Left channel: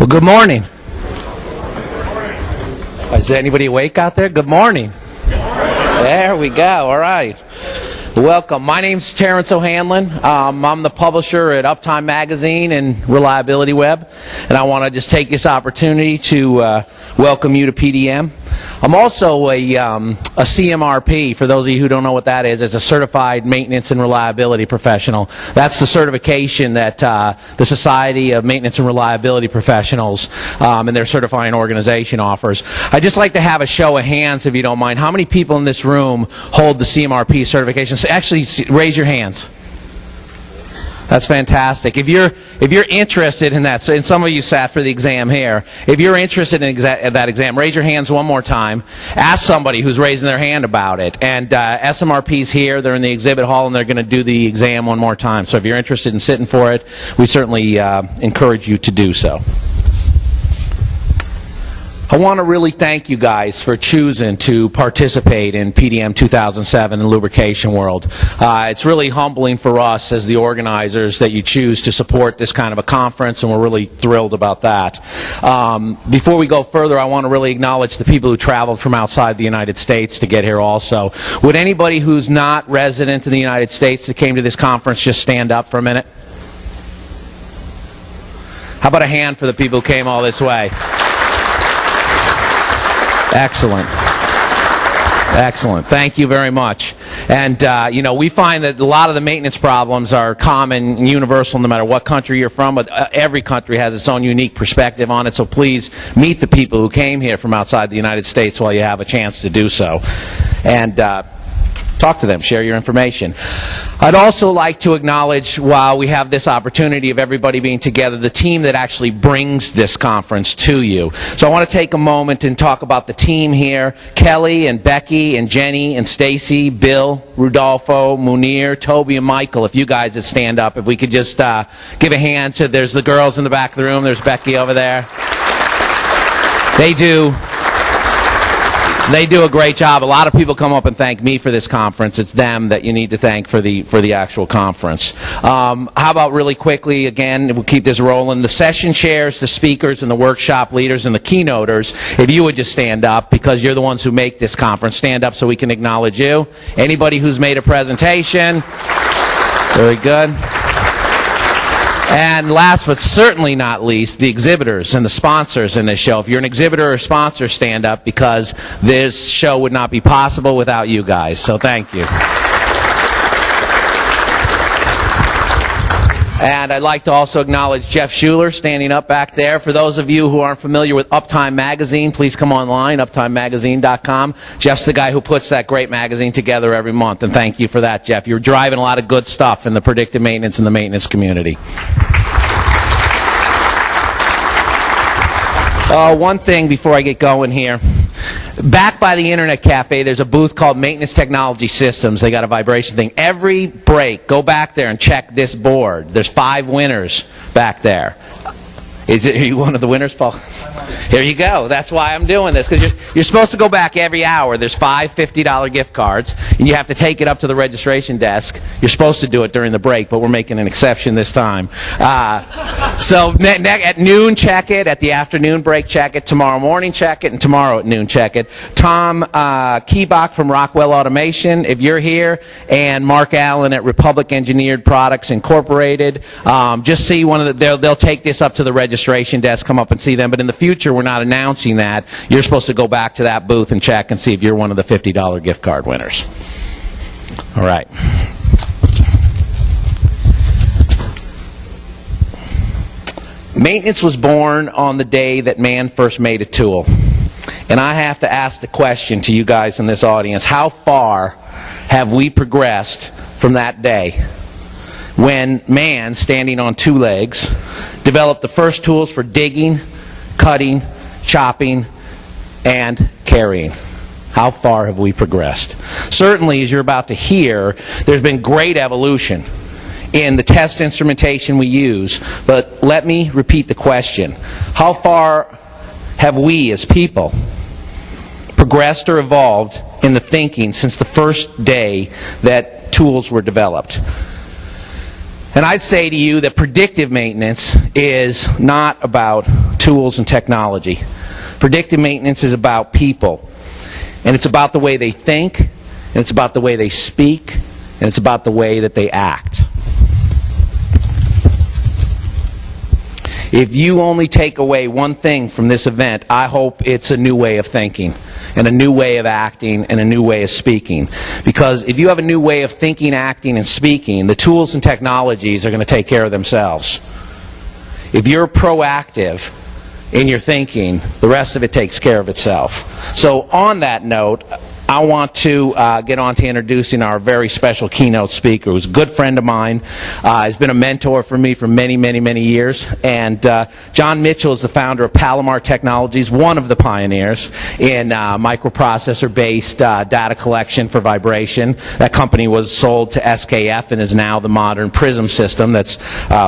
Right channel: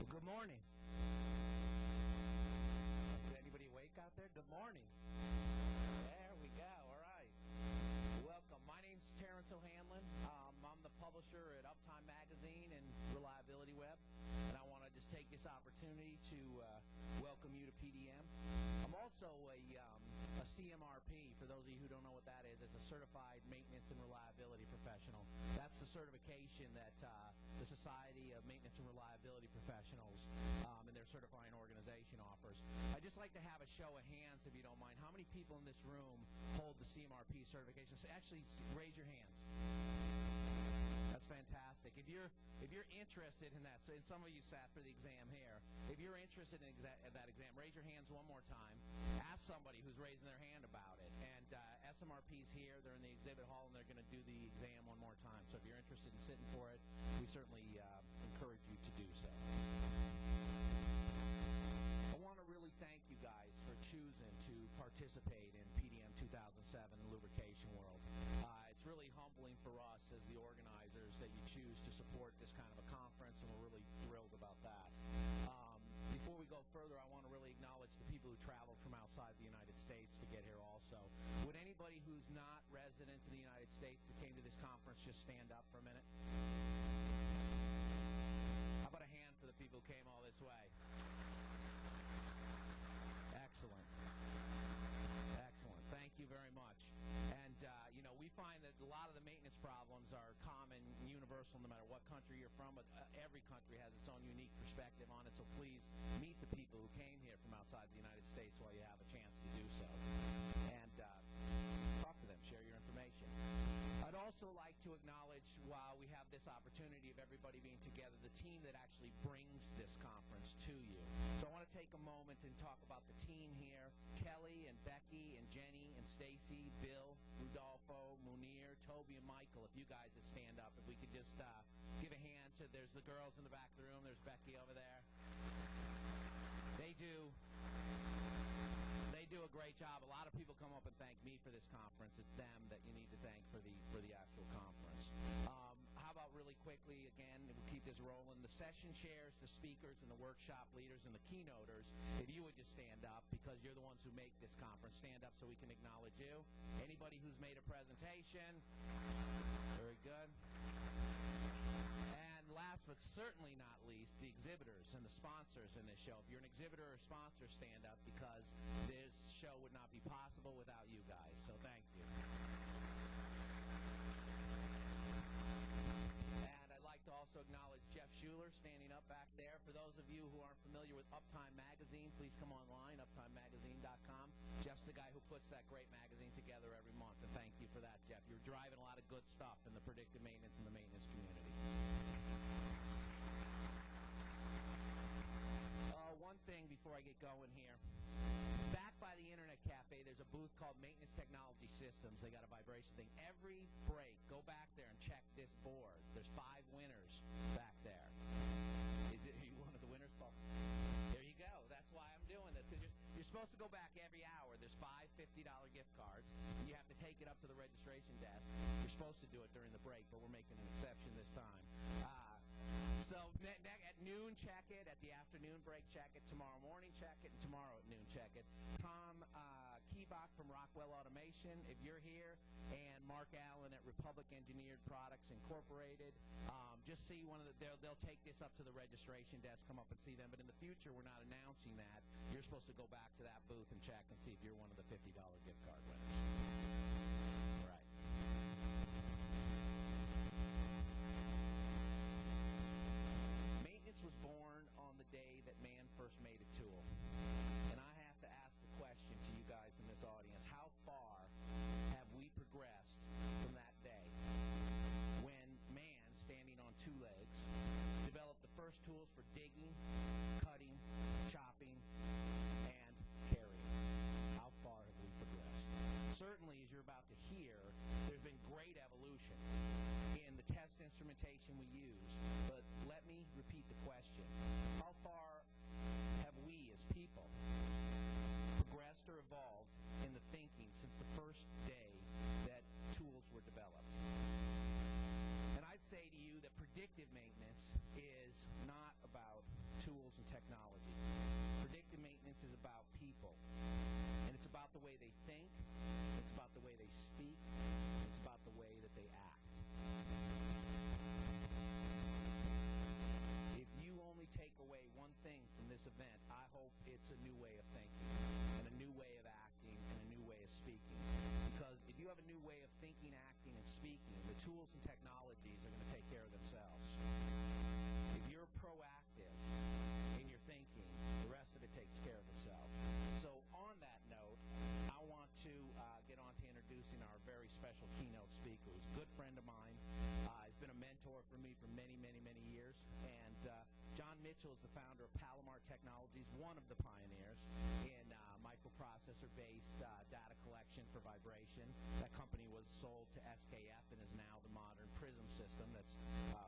Well, good morning. Is there anybody awake out there? Good morning. There we go. All right. Welcome. My name's Terrence O'Hanlon. I'm the publisher at Uptime Magazine and Reliability Web, and I want to just take this opportunity to welcome you to PDM. I'm also a CMRP. For those of you who don't know what that is, it's a Certified Maintenance and Reliability Professional. That's the certification that the Society of Maintenance and Reliability Professionals and their certifying organization offers. I'd just like to have a show of hands, if you don't mind. How many people in this room hold the CMRP certification? So actually, raise your hands. That's fantastic. If you're interested in that, so, and some of you sat for the exam here, if you're interested in that exam, raise your hands one more time. Ask somebody who's raising their hand about it. And SMRP's here, they're in the exhibit hall, and they're going to do the exam one more time. So if you're interested in sitting for it, we certainly encourage you to do so. I want to really thank you guys for choosing to participate in PDM 2007 and Lubricationworld. It's really humbling for us as the organizers that you choose to support this kind of a conference, and we're really thrilled about that. Before we go further, I want to really acknowledge the people who traveled from outside the United States to get here also. Would anybody who's not resident in the United States that came to this conference just stand up for a minute? How about a hand for the people who came all this way? Excellent. Excellent. Thank you very much. And, you know, we find that a lot of the maintenance problems are common and universal no matter what country you're from, but every country has its own unique perspective on it, so please meet the people who came here from outside the United States while you have a chance to do so. And talk to them, share your information. I'd also like to acknowledge, while we have this opportunity of everybody being together, the team that actually brings this conference to you. So I want to take a moment and talk about the team here. Kelly and Becky and Jenny and Stacy, Bill, Rudolfo, Munir, Toby and Michael, if you guys would stand up, if we could just give a hand to, there's the girls in the back of the room, there's Becky over there. They do a great job. A lot of people come up and thank me for this conference. It's them that you need to thank for the actual conference. How about really quickly, again, we'll keep this rolling, the session chairs, the speakers, and the workshop leaders, and the keynoters, if you would just stand up, because you're the ones who make this conference. Stand up so we can acknowledge you. Anybody who's made a presentation. Very good. And last but certainly not least, the exhibitors and the sponsors in this show. If you're an exhibitor or sponsor, stand up, because this show would not be possible without you guys. So thank you. And I'd like to also acknowledge Jeff Schuler standing up back there. For those of you who aren't familiar with Uptime Magazine, please come online, uptimemagazine.com. Jeff's the guy who puts that great magazine together every month, and thank you for that, Jeff. You're driving a lot of good stuff in the predictive maintenance and the maintenance community. One thing before I get going here. Back by the Internet Cafe, there's a booth called Maintenance Technology Systems. They got a vibration thing. Every break, go back there and check this board. There's 5 winners back there. Are you one of the winners, Paul? Here you go. That's why I'm doing this, because you're supposed to go back every hour. There's 5 $50 gift cards, and you have to take it up to the registration desk. You're supposed to do it during the break, but we're making an exception this time. So at noon, check it. At the afternoon break, check it. Tomorrow morning, check it. And tomorrow at noon, check it. Tom Keebach from Rockwell Automation, if you're here, and Mark Allen at Republic Engineered Products Incorporated. Just see one of the, they'll take this up to the registration desk, come up and see them. But in the future, we're not announcing that. You're supposed to go back to that booth and check and see if you're one of the $50 gift card winners. All right. Maintenance was born on the day that man first made a tool. And I have to ask the question to you guys in this audience, how far have we progressed from that day when man, standing on 2 legs, developed the first tools for digging, cutting, chopping, and carrying? How far have we progressed? Certainly, as you're about to hear, there's been great evolution in the test instrumentation we use. But let me repeat the question. How far have we as people progressed or evolved in the thinking since the first day that tools were developed? And I'd say to you that predictive maintenance is not about tools, and technology. Predictive maintenance is about people, and it's about the way they think, and it's about the way they speak, and it's about the way that they act. If you only take away one thing from this event, I hope it's a new way of thinking, and a new way of acting, and a new way of speaking. Because if you have a new way of thinking, acting, and speaking, the tools and technologies are going to take care of themselves. If you're proactive in your thinking, the rest of it takes care of itself. So on that note, I want to get on to introducing our very special keynote speaker, who's a good friend of mine. He's been a mentor for me for many, many, many years. And John Mitchell is the founder of Palomar Technologies, one of the pioneers in microprocessor-based data collection for vibration. That company was sold to SKF and is now the modern Prism system that's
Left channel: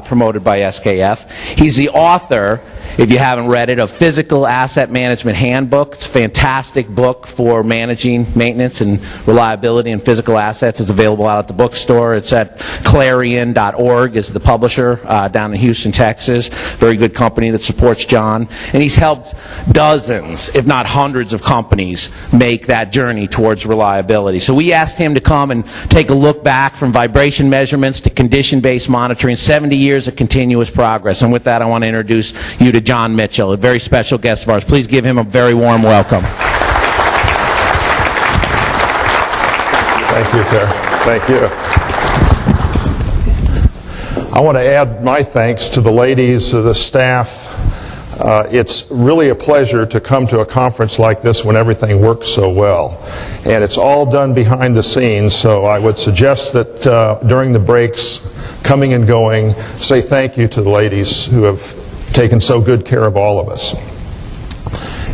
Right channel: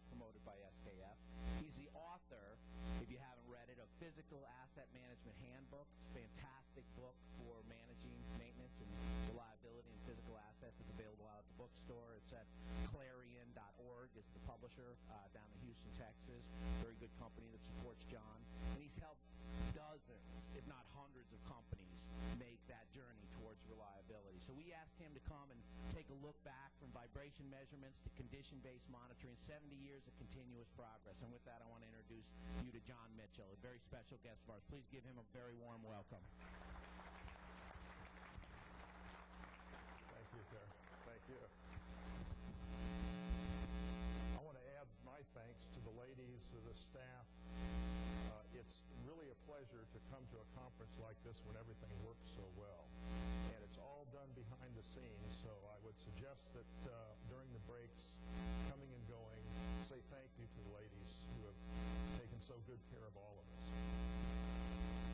promoted by SKF. He's the author, if you haven't read it, of Physical Asset Management Handbook. It's a fantastic book for managing maintenance and reliability in physical assets. It's available out at the bookstore. It's at clarion.org is the publisher down in Houston, Texas. Very good company that supports John. And he's helped dozens, if not hundreds of companies make that journey towards reliability. So we asked him to come and take a look back from vibration measurements to condition-based monitoring, 70 years of continuous progress. And with that, I want to introduce you to John Mitchell, a very special guest of ours. Please give him a very warm welcome. Thank you, Terrence. Thank you. I want to add my thanks to the ladies, the staff. It's really a pleasure to come to a conference like this when everything works so well. And it's all done behind the scenes, so I would suggest that during the breaks, coming and going, say thank you to the ladies who have taken so good care of all of us.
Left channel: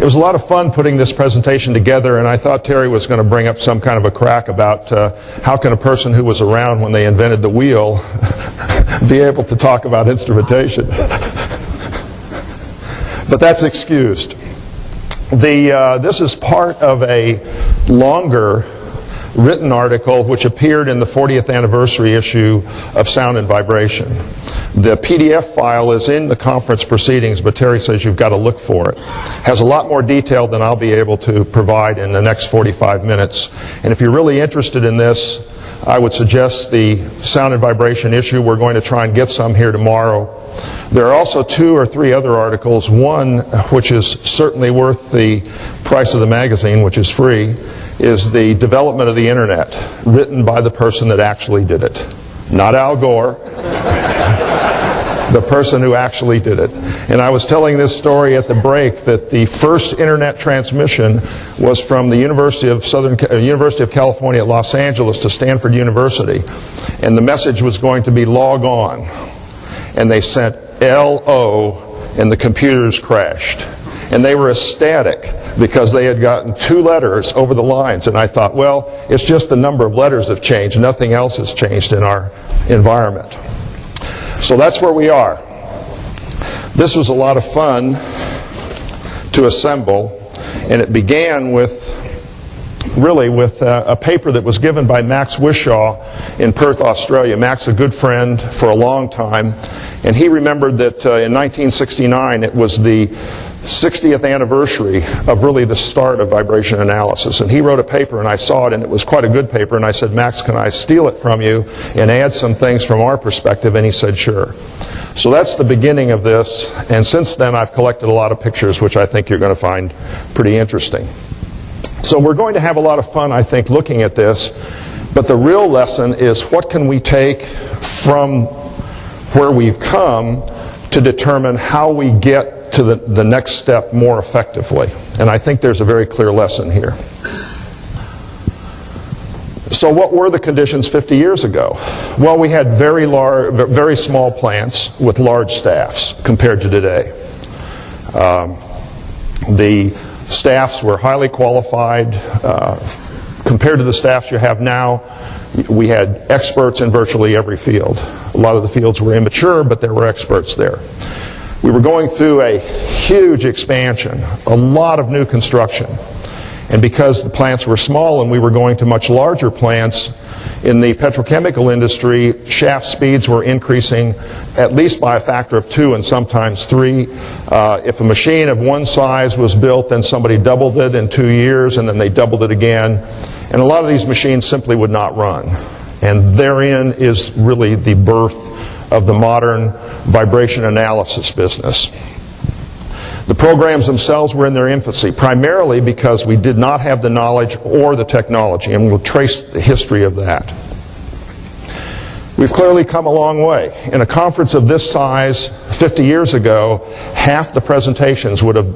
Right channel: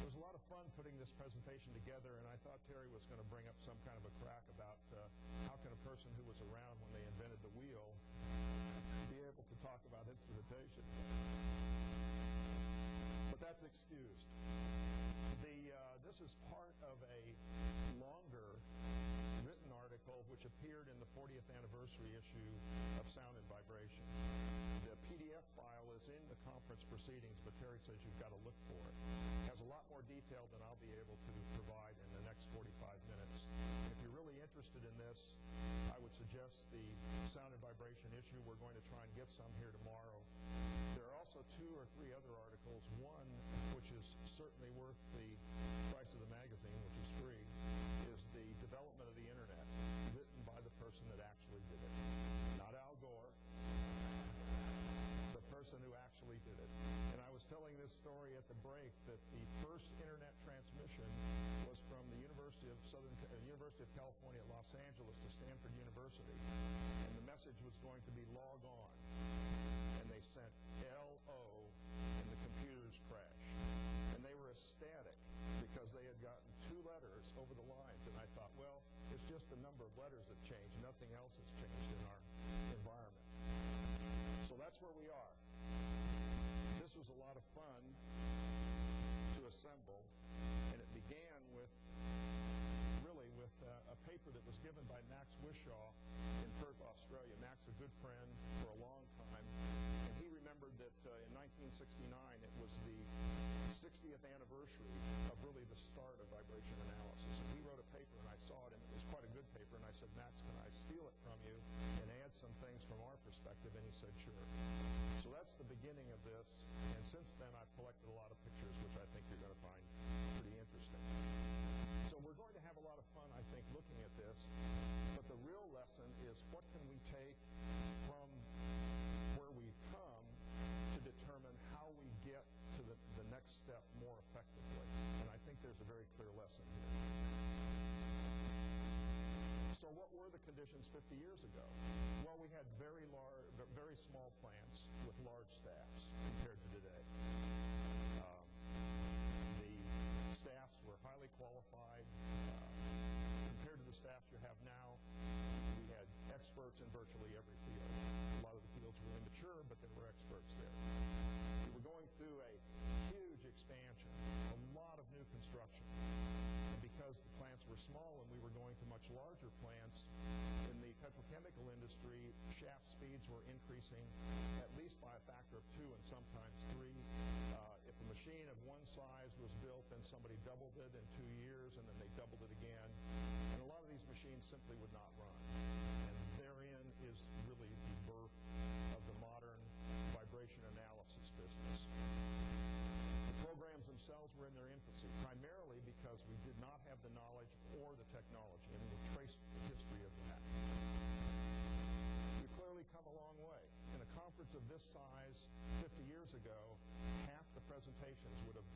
It was a lot of fun putting this presentation together, and I thought Terry was going to bring up some kind of a crack about how can a person who was around when they invented the wheel be able to talk about instrumentation. But that's excused. This is part of a longer written article which appeared in the 40th anniversary issue of Sound and Vibration. The PDF file is in the conference proceedings, but Terry says you've got to look for it. Has a lot more detail than I'll be able to provide in the next 45 minutes. And if you're really interested in this, I would suggest the Sound and Vibration issue. We're going to try and get some here tomorrow. There are also 2 or 3 other articles. One, which is certainly worth the price of the magazine, which is free, is the development of the Internet, written by the person that actually did it. Not Al Gore. The person who actually did it. And I was telling this story at the break that the first internet transmission was from the University of California at Los Angeles to Stanford University, and the message was going to be log on, and they sent LO, and the computers crashed, and they were ecstatic because they had gotten 2 letters over the lines. And I thought, well, it's just the number of letters have changed, nothing else has changed in our environment. So that's where we are. This was a lot of fun to assemble, and it began with a paper that was given by Max Wishaw in Perth, Australia. Max, a good friend for a long time, and he remembered that in 1969 it was the 60th anniversary of really the start of vibration analysis. And he wrote a paper, and I saw it, and it was quite a good paper, and I said, Max, can I steal it from you and add some things from our perspective? And he said, sure. So that's the beginning of this, and since then I've collected a lot of pictures which I think you're going to find pretty interesting. So we're going to have a lot of fun, I think, looking at this, but the real lesson is what can we take from where we've come to determine how we get to the next step more effectively. And I think there's a very clear lesson here. So what were the conditions 50 years ago? Well, we had very small plants with large staffs compared to today. The staffs were highly qualified. Compared to the staffs you have now, we had experts in virtually every field. A lot of the fields were immature, but there were experts there. We were going through a huge expansion, a lot of new construction. And because the plants were small and we were going to much larger plants, In the petrochemical industry, shaft speeds were increasing at least by a factor of 2 and sometimes 3. If a machine of one size was built, then somebody doubled it in 2 years, and then they doubled it again. And a lot of these machines simply would not run. And therein is really the birth of the modern vibration analysis business. The programs themselves were in their infancy, primarily because we did not have the knowledge or the technology, and we'll trace the history of that. We've clearly come a long way. In a conference of this size 50 years ago, half the presentations would have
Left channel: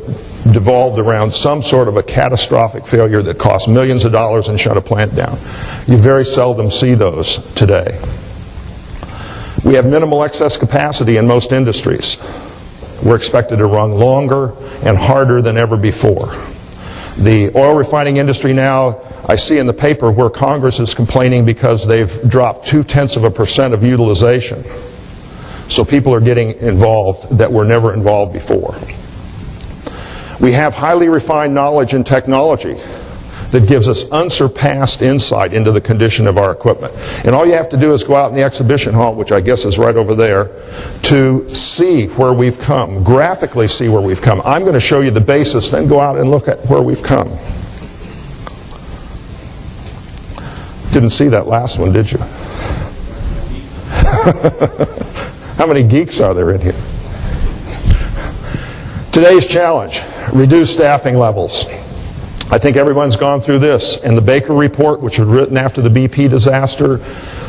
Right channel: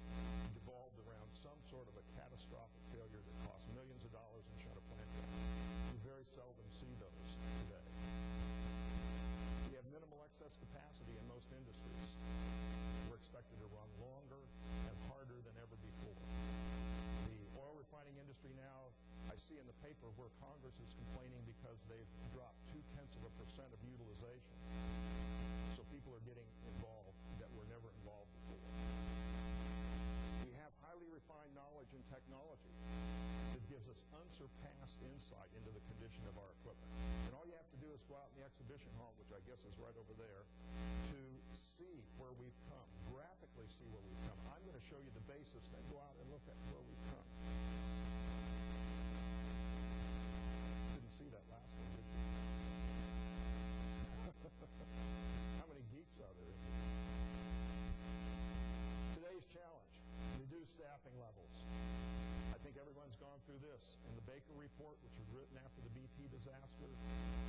devolved around some sort of a catastrophic failure that cost millions of dollars and shut a plant down. You very seldom see those today. We have minimal excess capacity in most industries. We're expected to run longer and harder than ever before. The oil refining industry now, I see in the paper where Congress is complaining because they've dropped 0.2% of utilization. So people are getting involved that were never involved before. We have highly refined knowledge and technology that gives us unsurpassed insight into the condition of our equipment. And all you have to do is go out in the exhibition hall, which I guess is right over there, to see where we've come, graphically see where we've come. I'm going to show you the basis, then go out and look at where we've come. Didn't see that last one, did you? How many geeks are there in here? Today's challenge, reduce staffing levels. I think everyone's gone through this. And the Baker report, which was written after the BP disaster,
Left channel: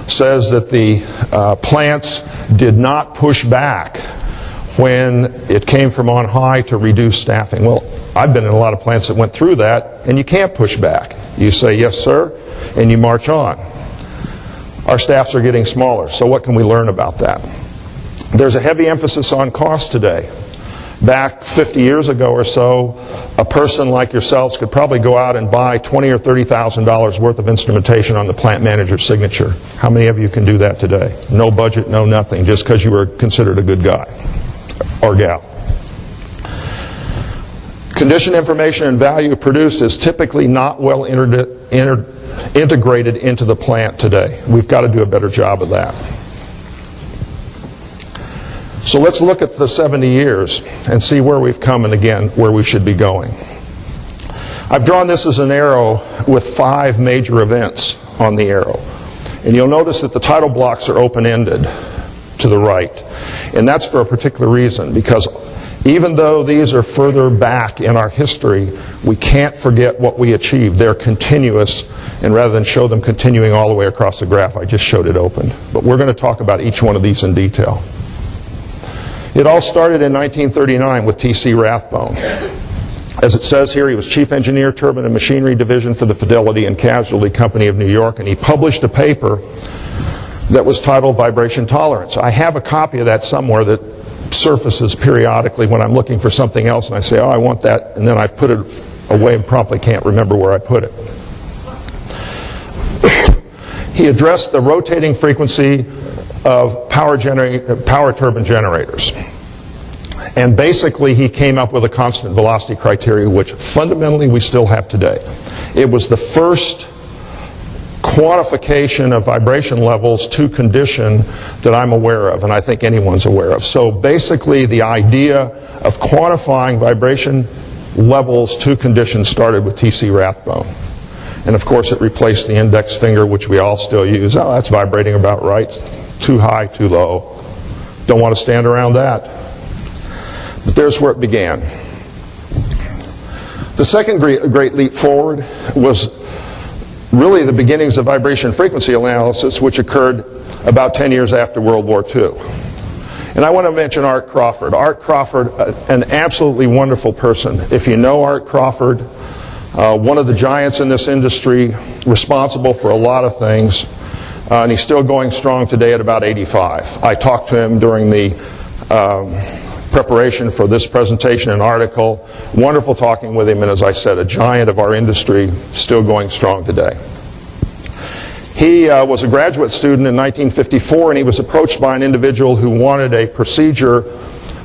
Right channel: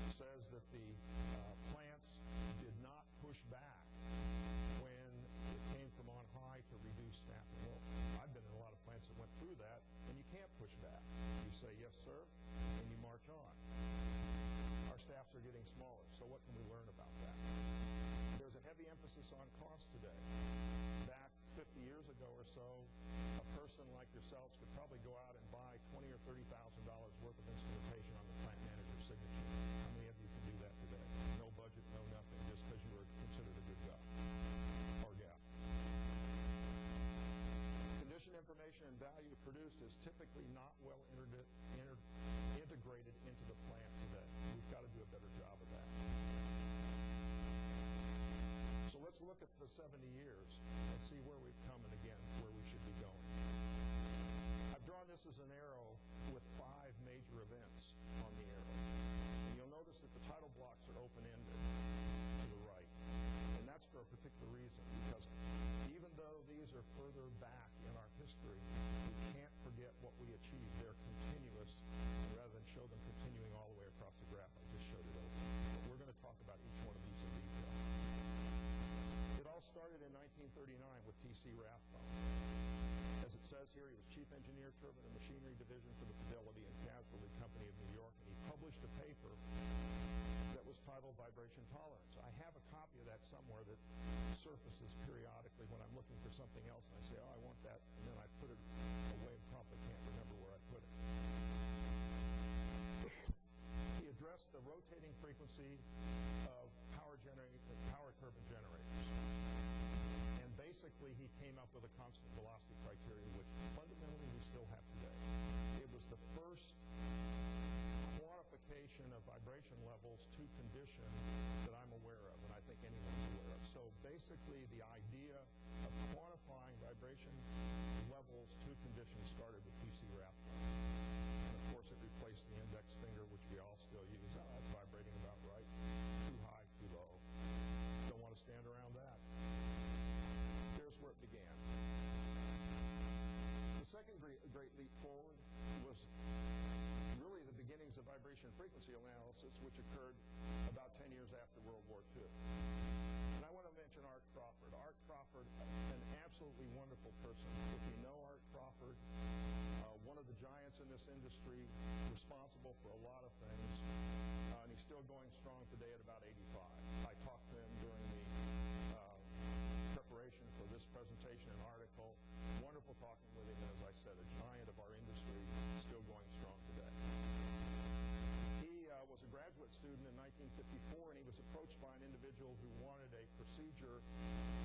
says that the plants did not push back when it came from on high to reduce staffing. Well, I've been in a lot of plants that went through that, and you can't push back. You say, yes, sir, and you march on. Our staffs are getting smaller, so what can we learn about that? There's a heavy emphasis on cost today. Back 50 years ago or so, a person like yourselves could probably go out and buy $20,000 or $30,000 worth of instrumentation on the plant manager's signature. How many of you can do that today? No budget, no nothing, just because you were considered a good guy or gal. Condition information and value produced is typically not well integrated into the plant today. We've got to do a better job of that. So let's look at the 70 years and see where we've come and again where we should be going. I've drawn this as an arrow with 5 major events on the arrow. And you'll notice that the title blocks are open-ended to the right. And that's for a particular reason, because even though these are further back in our history, we can't forget what we achieved. They're continuous, and rather than show them continuing all the way across the graph, I just showed it open. But we're going to talk about each one of these in detail. It all started in 1939 with T.C. Rathbone. As it says here, he was Chief Engineer, Turbine and Machinery Division for the Fidelity and Casualty Company of New York, and he published a paper that was titled Vibration Tolerance. I have a copy of that somewhere that surfaces periodically when I'm looking for something else, and I say, oh, I want that, and then I put it away and promptly can't remember where I put it. He addressed the rotating frequency of power turbine generators. And basically he came up with a constant velocity criteria, which fundamentally we still have today. It was the first quantification of vibration levels to condition that I'm aware of, and I think anyone's aware of. So basically the idea of quantifying vibration levels to condition started with T.C. Rathbone. And of course it replaced the index finger, which we all still use. Oh, that's vibrating about right. Too high, too low. Don't want to stand around that. But there's where it began. The second great leap forward was really the beginnings of vibration frequency analysis, which occurred about 10 years after World War II. And I want to mention Art Crawford. Art Crawford, an absolutely wonderful person. If you know Art Crawford, one of the giants in this industry, responsible for a lot of things. And he's still going strong today at about 85. I talked to him during the preparation for this presentation and article. Wonderful talking with him, and as I said, a giant of our industry, still going strong today. He was a graduate student in 1954, and he was approached by an individual who wanted a procedure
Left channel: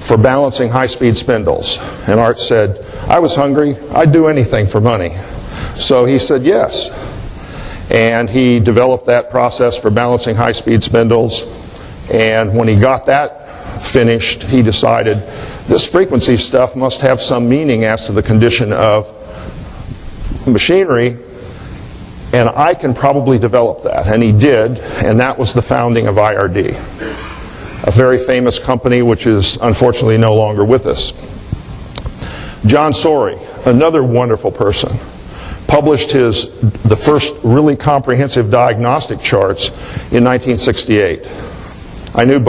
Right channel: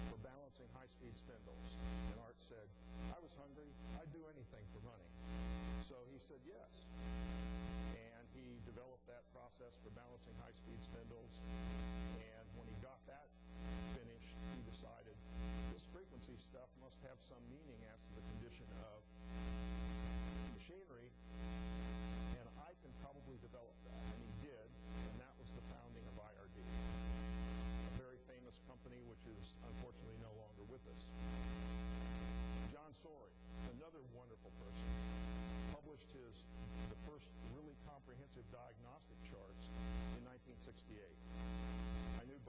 for balancing high-speed spindles. And Art said, I was hungry. I'd do anything for money. So he said yes. And he developed that process for balancing high-speed spindles. And when he got that finished, he decided this frequency stuff must have some meaning as to the condition of machinery, and I can probably develop that. And he did, and that was the founding of IRD, a very famous company which is unfortunately no longer with us. John Sorey, another wonderful person, published the first really comprehensive diagnostic charts in 1968. I know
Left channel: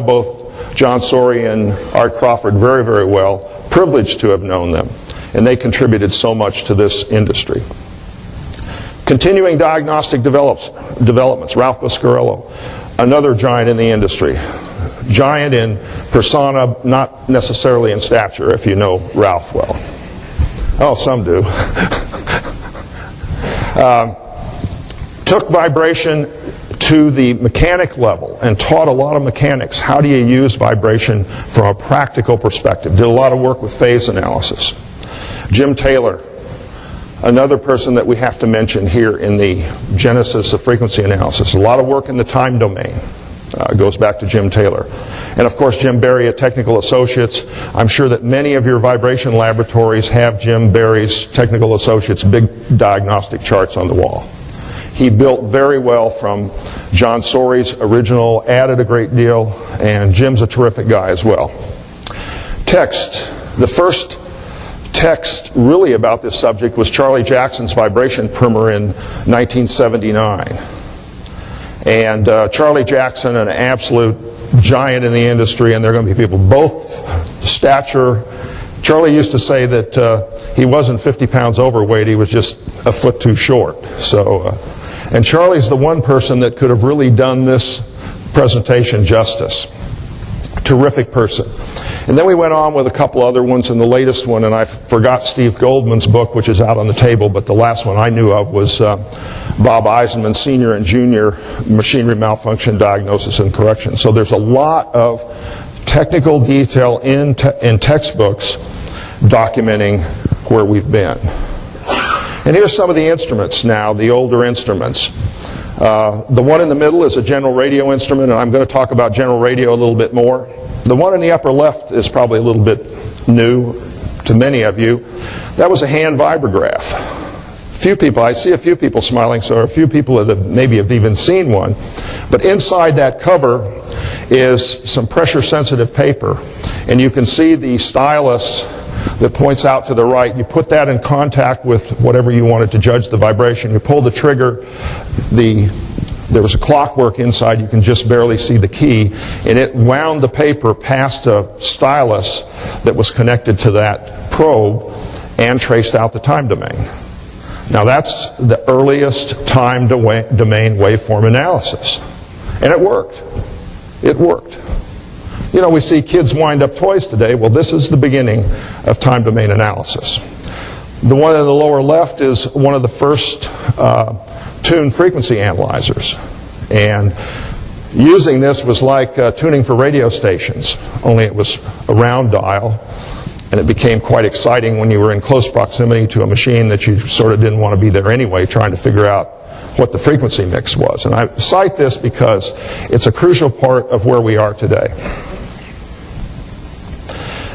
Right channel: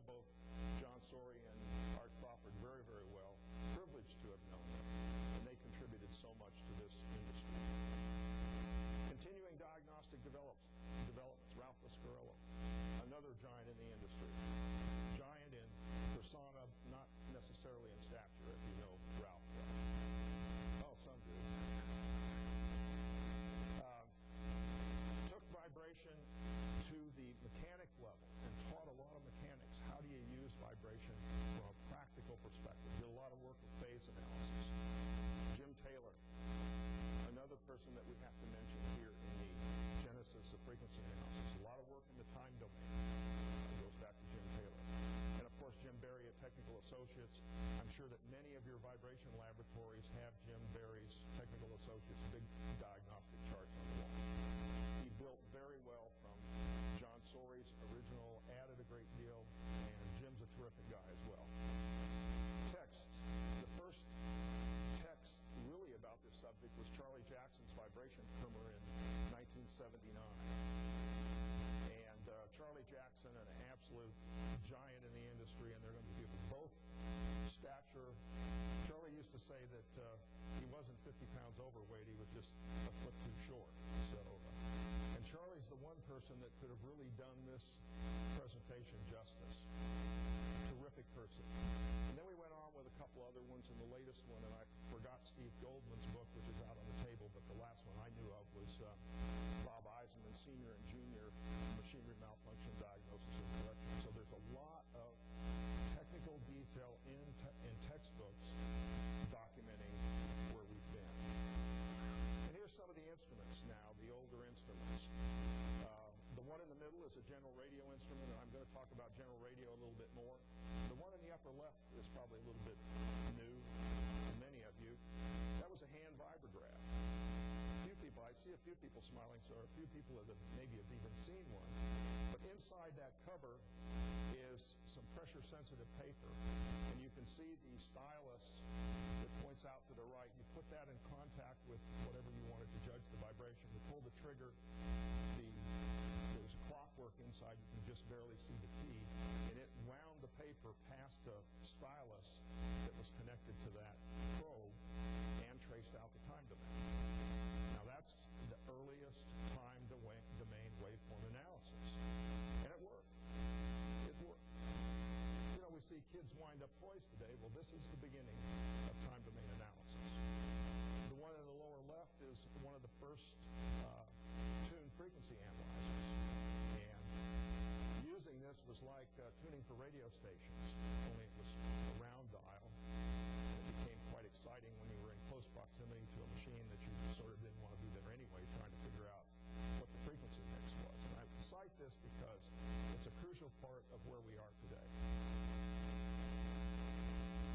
both John Sorey and Art Crawford very, very well, privileged to have known them, and they contributed so much to this industry. Continuing diagnostic developments, Ralph Carillo, another giant in the industry. Giant in persona, not necessarily in stature, if you know Ralph well. Oh, some do. Took vibration to the mechanic level and taught a lot of mechanics how do you use vibration from a practical perspective. Did a lot of work with phase analysis. Jim Taylor, another person that we have to mention here in the genesis of frequency analysis. A lot of work in the time domain. Goes back to Jim Taylor. And of course Jim Barry at Technical Associates. I'm sure that many of your vibration laboratories have Jim Barry's Technical Associates big diagnostic charts on the wall. He built very well from John Sorey's original, added a great deal, and Jim's a terrific guy as well. Text. The first text really about this subject was Charlie Jackson's vibration primer in 1979. And Charlie Jackson, an absolute giant in the industry, and there are going to be people both stature. Charlie used to say that he wasn't 50 pounds overweight, he was just a foot too short. So, and Charlie's the one person that could have really done this presentation justice. Terrific person. And then we went on with a couple other ones, and the latest one, and I forgot Steve Goldman's book, which is out on the table, but the last one I knew of was Bob Eisenman, Senior and Junior Machinery Malfunction Diagnosis and Correction. So there's a lot of technical detail in textbooks documenting where we've been. And here's some of the instruments now, the older instruments. The one in the middle is a general radio instrument, and I'm going to talk about general radio a little bit more. The one in the upper left is probably a little bit new to many of you. That was a hand vibrograph. Few people, I see a few people smiling, so a few people that maybe have even seen one. But inside that cover is some pressure-sensitive paper, and you can see the stylus that points out to the right. You put that in contact with whatever you wanted to judge the vibration. You pull the trigger. There was a clockwork inside. You can just barely see the key, and it wound the paper past a stylus that was connected to that probe and traced out the time domain. Now that's the earliest time domain waveform analysis, and it worked. It worked. You know, we see kids wind up toys today. Well, this is the beginning of time domain analysis. The one in the lower left is one of the first tuned frequency analyzers, and using this was like tuning for radio stations, only it was a round dial, and it became quite exciting when you were in close proximity to a machine that you sort of didn't want to be there anyway, trying to figure out what the frequency mix was. And I cite this because it's a crucial part of where we are today.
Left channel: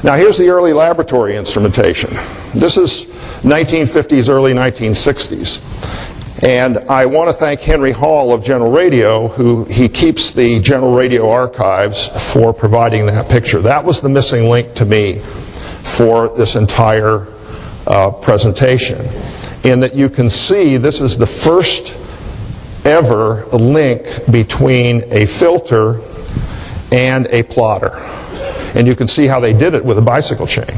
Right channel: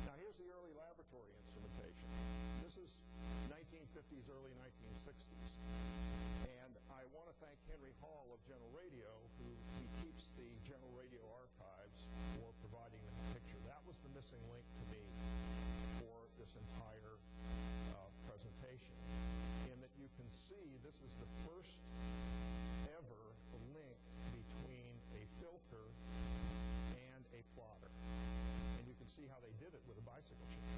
Now here's the early laboratory instrumentation. This is 1950s, early 1960s. And I want to thank Henry Hall of General Radio, who he keeps the General Radio archives, for providing that picture. That was the missing link to me for this entire presentation. In that you can see this is the first ever link between a filter and a plotter. And you can see how they did it with a bicycle chain.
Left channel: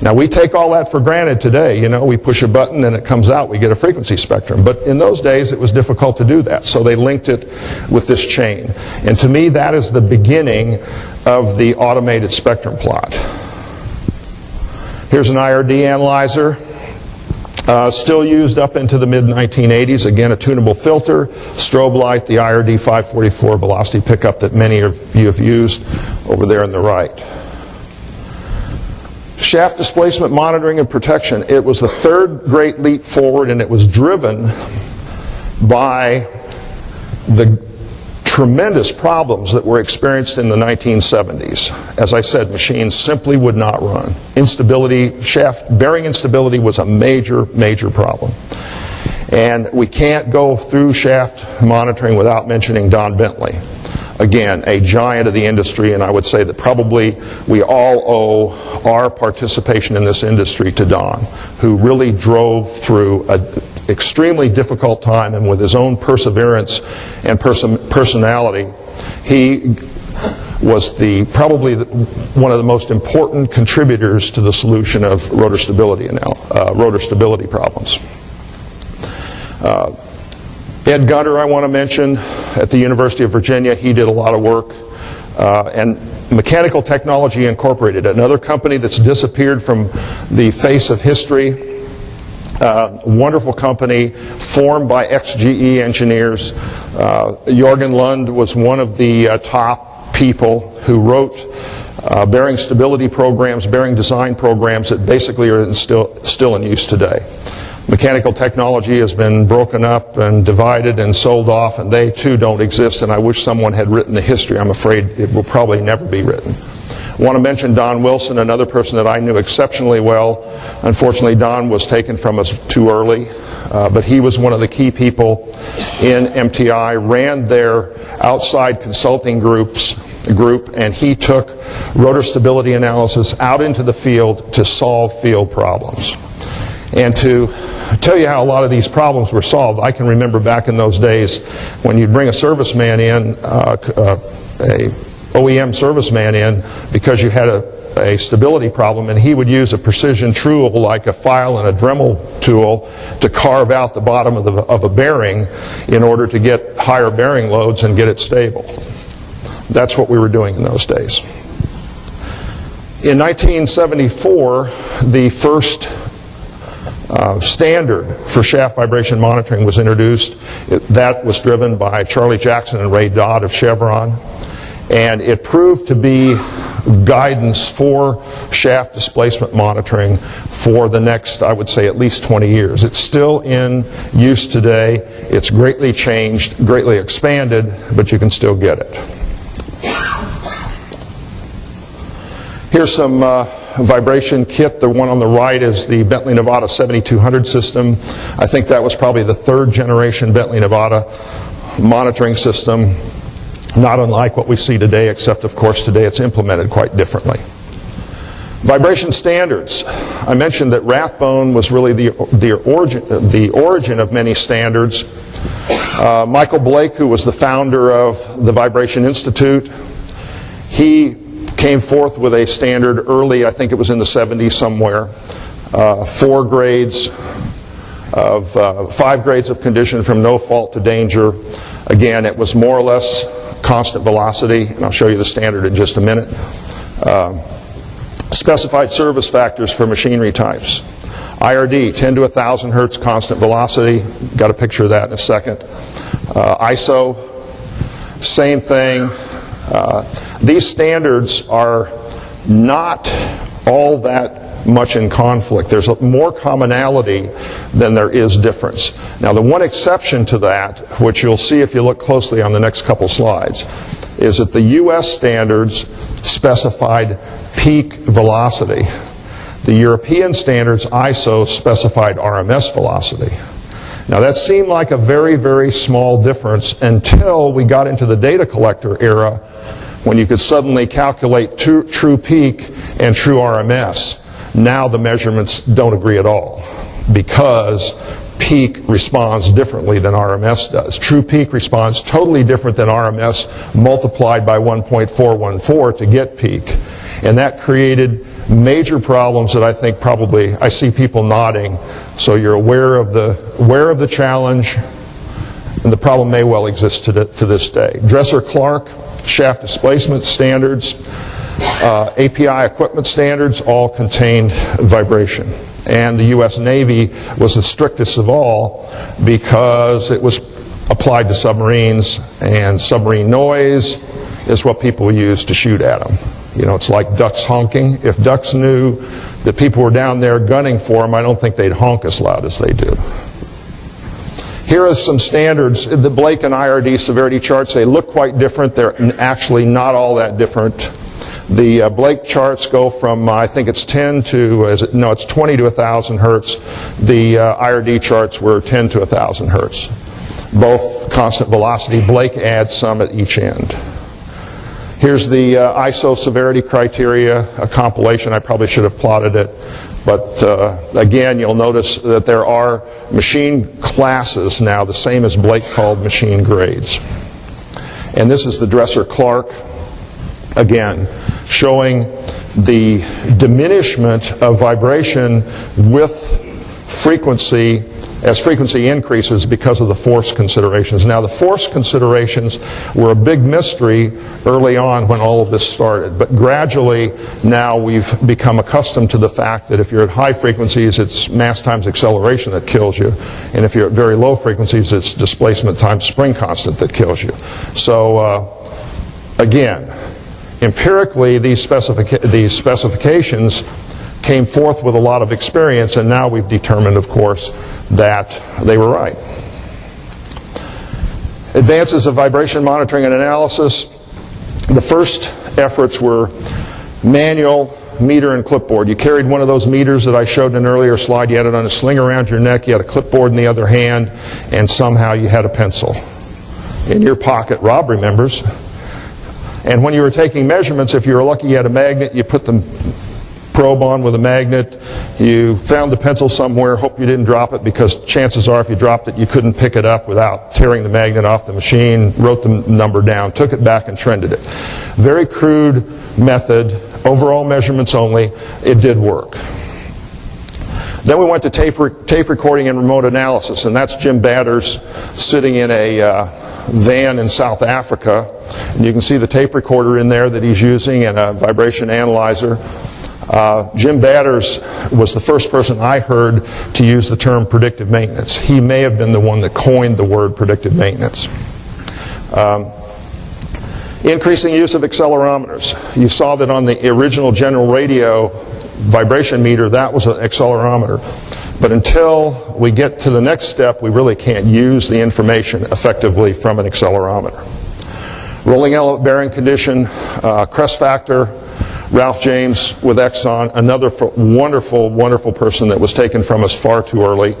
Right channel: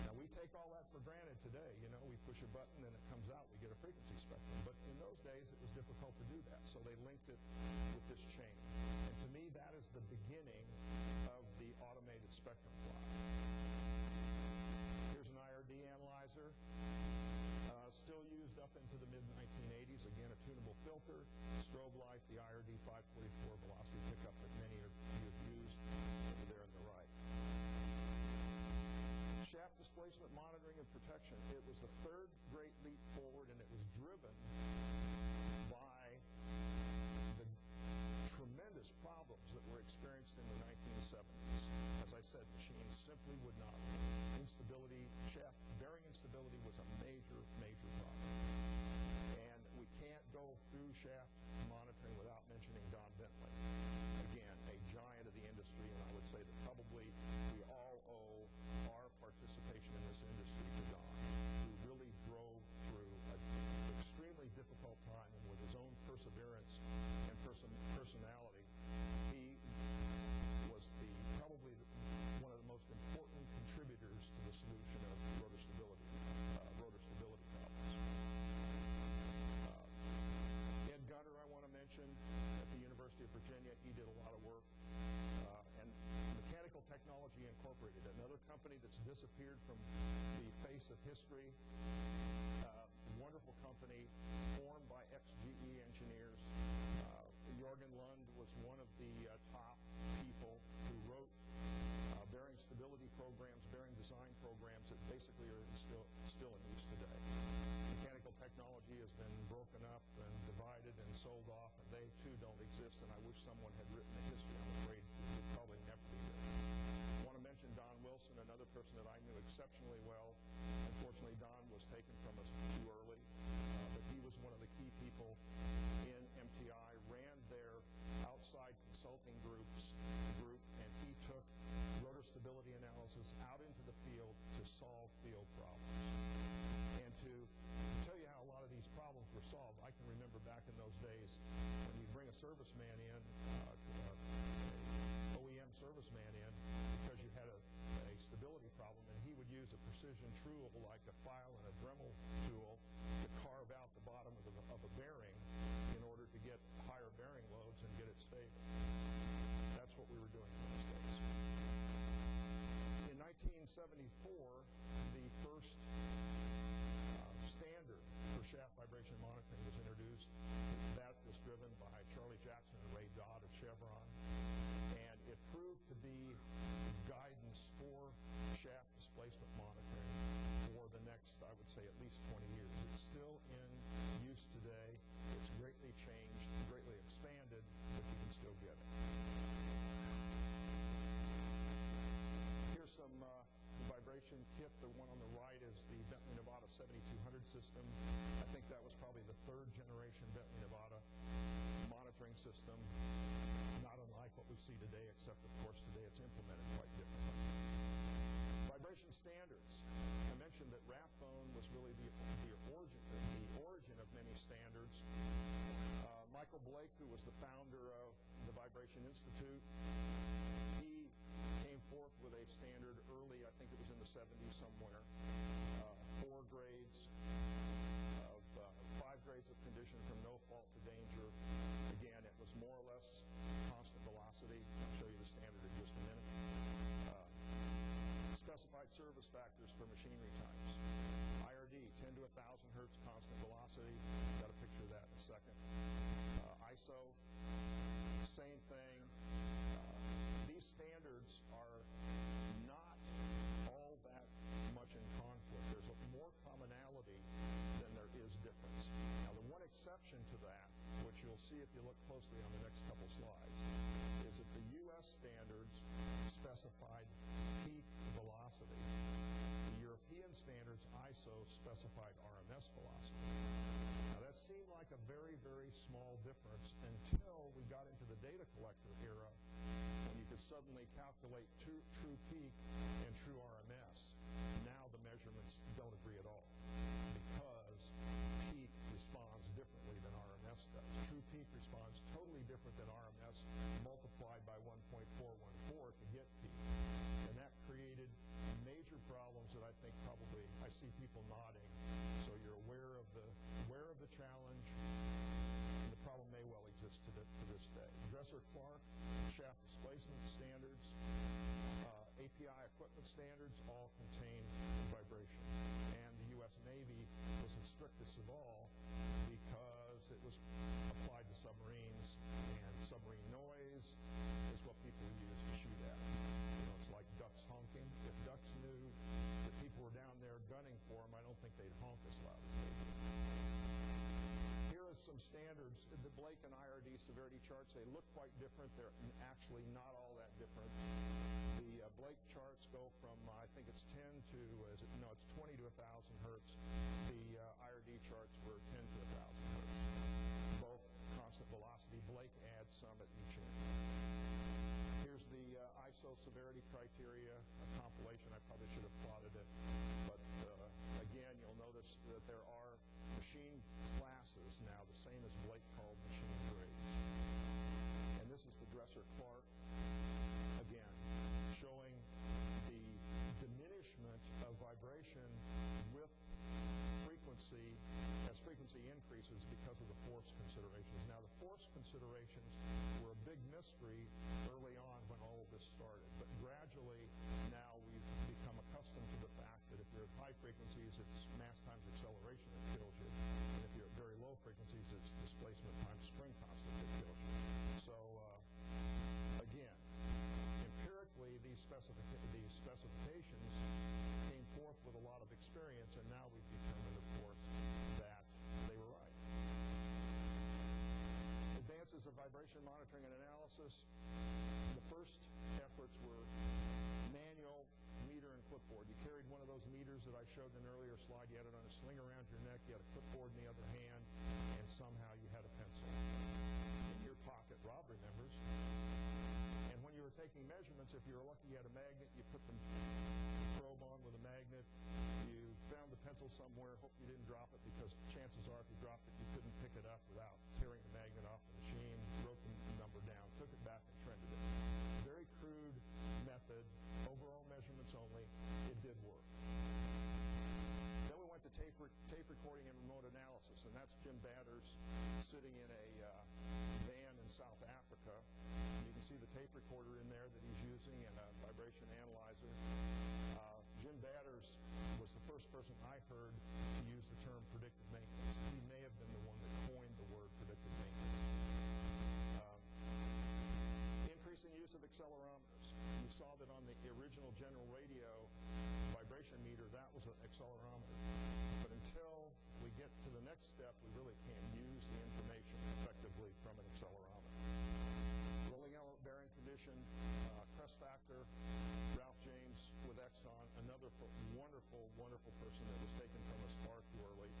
Now we take all that for granted today. You know, we push a button and it comes out, we get a frequency spectrum. But in those days it was difficult to do that, so they linked it with this chain. And to me that is the beginning of the automated spectrum plot. Here's an IRD analyzer, still used up into the mid-1980s. Again, a tunable filter, strobe light, the IRD 544 velocity pickup that many of you have used over there on the right. Shaft displacement monitoring and protection. It was the third great leap forward, and it was driven by the tremendous problems that were experienced in the 1970s. As I said, machines simply would not run. Instability, shaft bearing instability was a major, major problem. And we can't go through shaft monitoring without mentioning Don Bentley. Again, a giant of the industry, and I would say that probably we all owe our participation in this industry to Don, who really drove through an extremely difficult time, and with his own perseverance and personality, he was probably one of the most important contributors to the solution of rotor stability problems. Ed Gunter, I want to mention, at the University of Virginia, he did a lot of work. And Mechanical Technology Incorporated, another company that's disappeared from the face of history. Wonderful company, formed by ex-GE engineers. Jorgen Lund was one of the top people who wrote bearing stability programs, bearing design programs that basically are still in use today. Mechanical Technology has been broken up and divided and sold off, and they too don't exist, and I wish someone had written the history. I'm afraid it will probably never be written. I want to mention Don Wilson, another person that I knew exceptionally well. Unfortunately, Don was taken from us too early, but he was one of the key people in MTI, ran their outside consulting group, and he took rotor stability analysis out into the field to solve field problems. And to tell you how a lot of these problems were solved, I can remember back in those days when you'd bring a serviceman in, a OEM serviceman in, because you had a stability problem, and he would use a precision tool like a file and a Dremel tool to carve out the bottom of a bearing in order to get higher bearing loads and get it stable. That's what we were doing in those days. In 1974, the first standard for shaft vibration monitoring was introduced. That was driven by Charlie Jackson and Ray Dodd of Chevron, and it proved to be guidance for shaft displacement monitoring for the next, I would say, at least 20 years. It's still in use today. It's greatly changed, greatly expanded, but you can still get it. Here's some vibration kit. The one on the right is the Bentley Nevada 7200 system. I think that was probably the third generation Bentley Nevada monitoring system, not unlike what we see today, except of course today it's implemented quite differently. Vibration standards. I mentioned that Rathbone was really the origin of many standards. Michael Blake, who was the founder of the Vibration Institute, he came forth with a standard early, I think it was in the 70s somewhere, 5 grades of condition from no fault to danger. Again, it was more or less constant velocity, and I'll show you the standard in just a minute. Specified service factors for machinery types. IRD, 10 to 1,000 hertz constant velocity. Got a picture of that in a second. ISO, same thing. These standards are not all that much in conflict. There's more commonality than there is difference. Now, the one exception to that, which you'll see if you look closely on the next couple slides, is that the US standards specified peak velocity. The European standards, ISO, specified RMS velocity. Now, that seemed like a very, very small difference until we got into the data collector era, when you could suddenly calculate true peak and true RMS. Now the measurements don't agree at all, because peak responds differently than RMS does. True peak responds totally different than RMS multiplied by 1.414 to get peak. And that created major problems that I think probably, I see people nodding, so you're aware of the challenge, and the problem may well exist to this day. Dresser-Clark shaft displacement standards, API equipment standards all contained vibration. And the US Navy was the strictest of all because it was applied to submarines, and submarine noise is what people use to shoot at them. You know, it's like ducks honking. If ducks knew that people were down there gunning for them, I don't think they'd honk as loud as they do. Here are some standards. The Blake and IRD severity charts, they look quite different. They're actually not all that different. The Blake charts go from, I think it's 10 to, it's 20 to 1,000 hertz. The IRD charts were 10 to 1,000 hertz. Both constant velocity. Blake adds some at each end. Here's the ISO severity criteria, a compilation. I probably should have plotted it. But again, you'll notice that there are machine classes now, the same as Blake called machine grades. And this is the Dresser-Clark, again, showing the diminishment of vibration with frequency as frequency increases because of the force considerations. Now, the force considerations were a big mystery early on when all of this started, but gradually now we've become accustomed to the fact that if you're at high frequencies, it's mass times acceleration that kills you, and if you're at very low frequencies, it's displacement times spring constant that kills you. So again, empirically, these specifications came forth with a lot of experience, and now we've determined, of course, that they were right. Advances of vibration monitoring and analysis. The first efforts were manual meter and clipboard. You carried one of those meters that I showed in an earlier slide. You had it on a sling around your neck. You had a clipboard in the other hand, and somehow you had a pencil in your pocket. Rob remembers. And when you were taking measurements, if you were lucky you had a magnet, you put the probe on with a magnet. You found the pencil somewhere, hope you didn't drop it, because chances are if you dropped it you couldn't pick it up without tearing the magnet off the machine, wrote the number down, took it back and trended it. Very crude method, overall measurements only. It did work. Then we went to tape recording and remote analysis, and that's Jim Batters sitting in a van in South Africa. And you can see the tape recorder in there that he's using and a vibration analyzer. Jim Batters was the first person I heard to use the term predictive maintenance. He may have been the one that coined the word predictive maintenance. Increasing use of accelerometers. You saw that on the original General Radio vibration meter, that was an accelerometer. But until we get to the next step, we really can't use the information effectively from an accelerometer. Rolling element bearing condition, crest factor. Ralph James with Exxon, another wonderful, wonderful person that was taken from us far too early.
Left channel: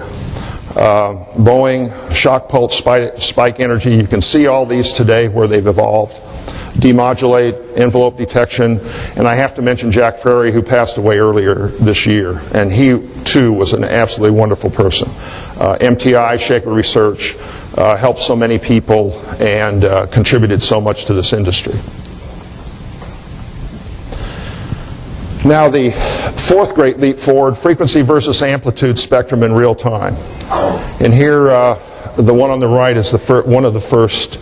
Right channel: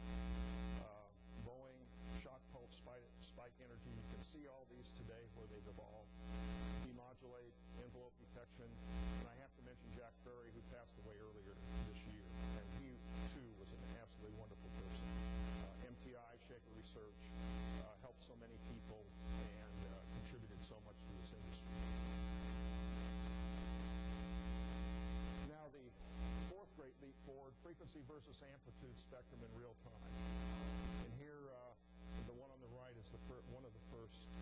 Boeing, shock pulse, spike energy. You can see all these today where they've evolved. Demodulate, envelope detection, and I have to mention Jack Frary, who passed away earlier this year, and he too was an absolutely wonderful person. MTI, Shaker Research, helped so many people and contributed so much to this industry. Now the fourth great leap forward, frequency versus amplitude spectrum in real time. And here, the one on the right is one of the first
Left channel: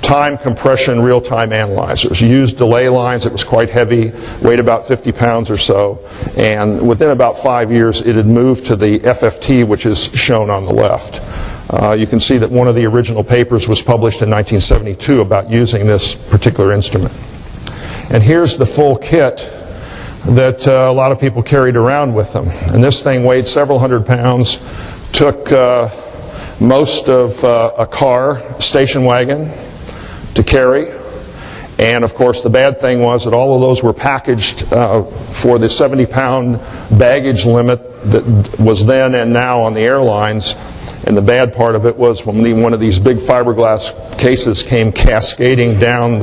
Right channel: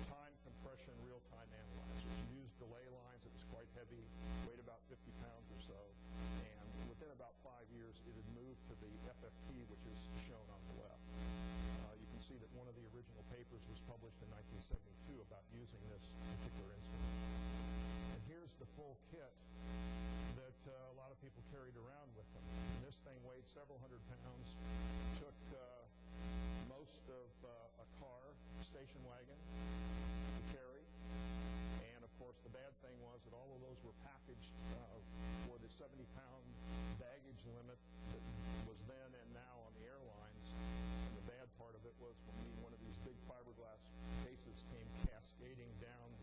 time compression real-time analyzers. You used delay lines. It was quite heavy, weighed about 50 pounds or so, and within about 5 years it had moved to the FFT, which is shown on the left. You can see that one of the original papers was published in 1972 about using this particular instrument. And here's the full kit that a lot of people carried around with them. And this thing weighed several hundred pounds, took most of a car, station wagon, to carry. And of course the bad thing was that all of those were packaged for the 70-pound baggage limit that was then and now on the airlines. And the bad part of it was when one of these big fiberglass cases came cascading down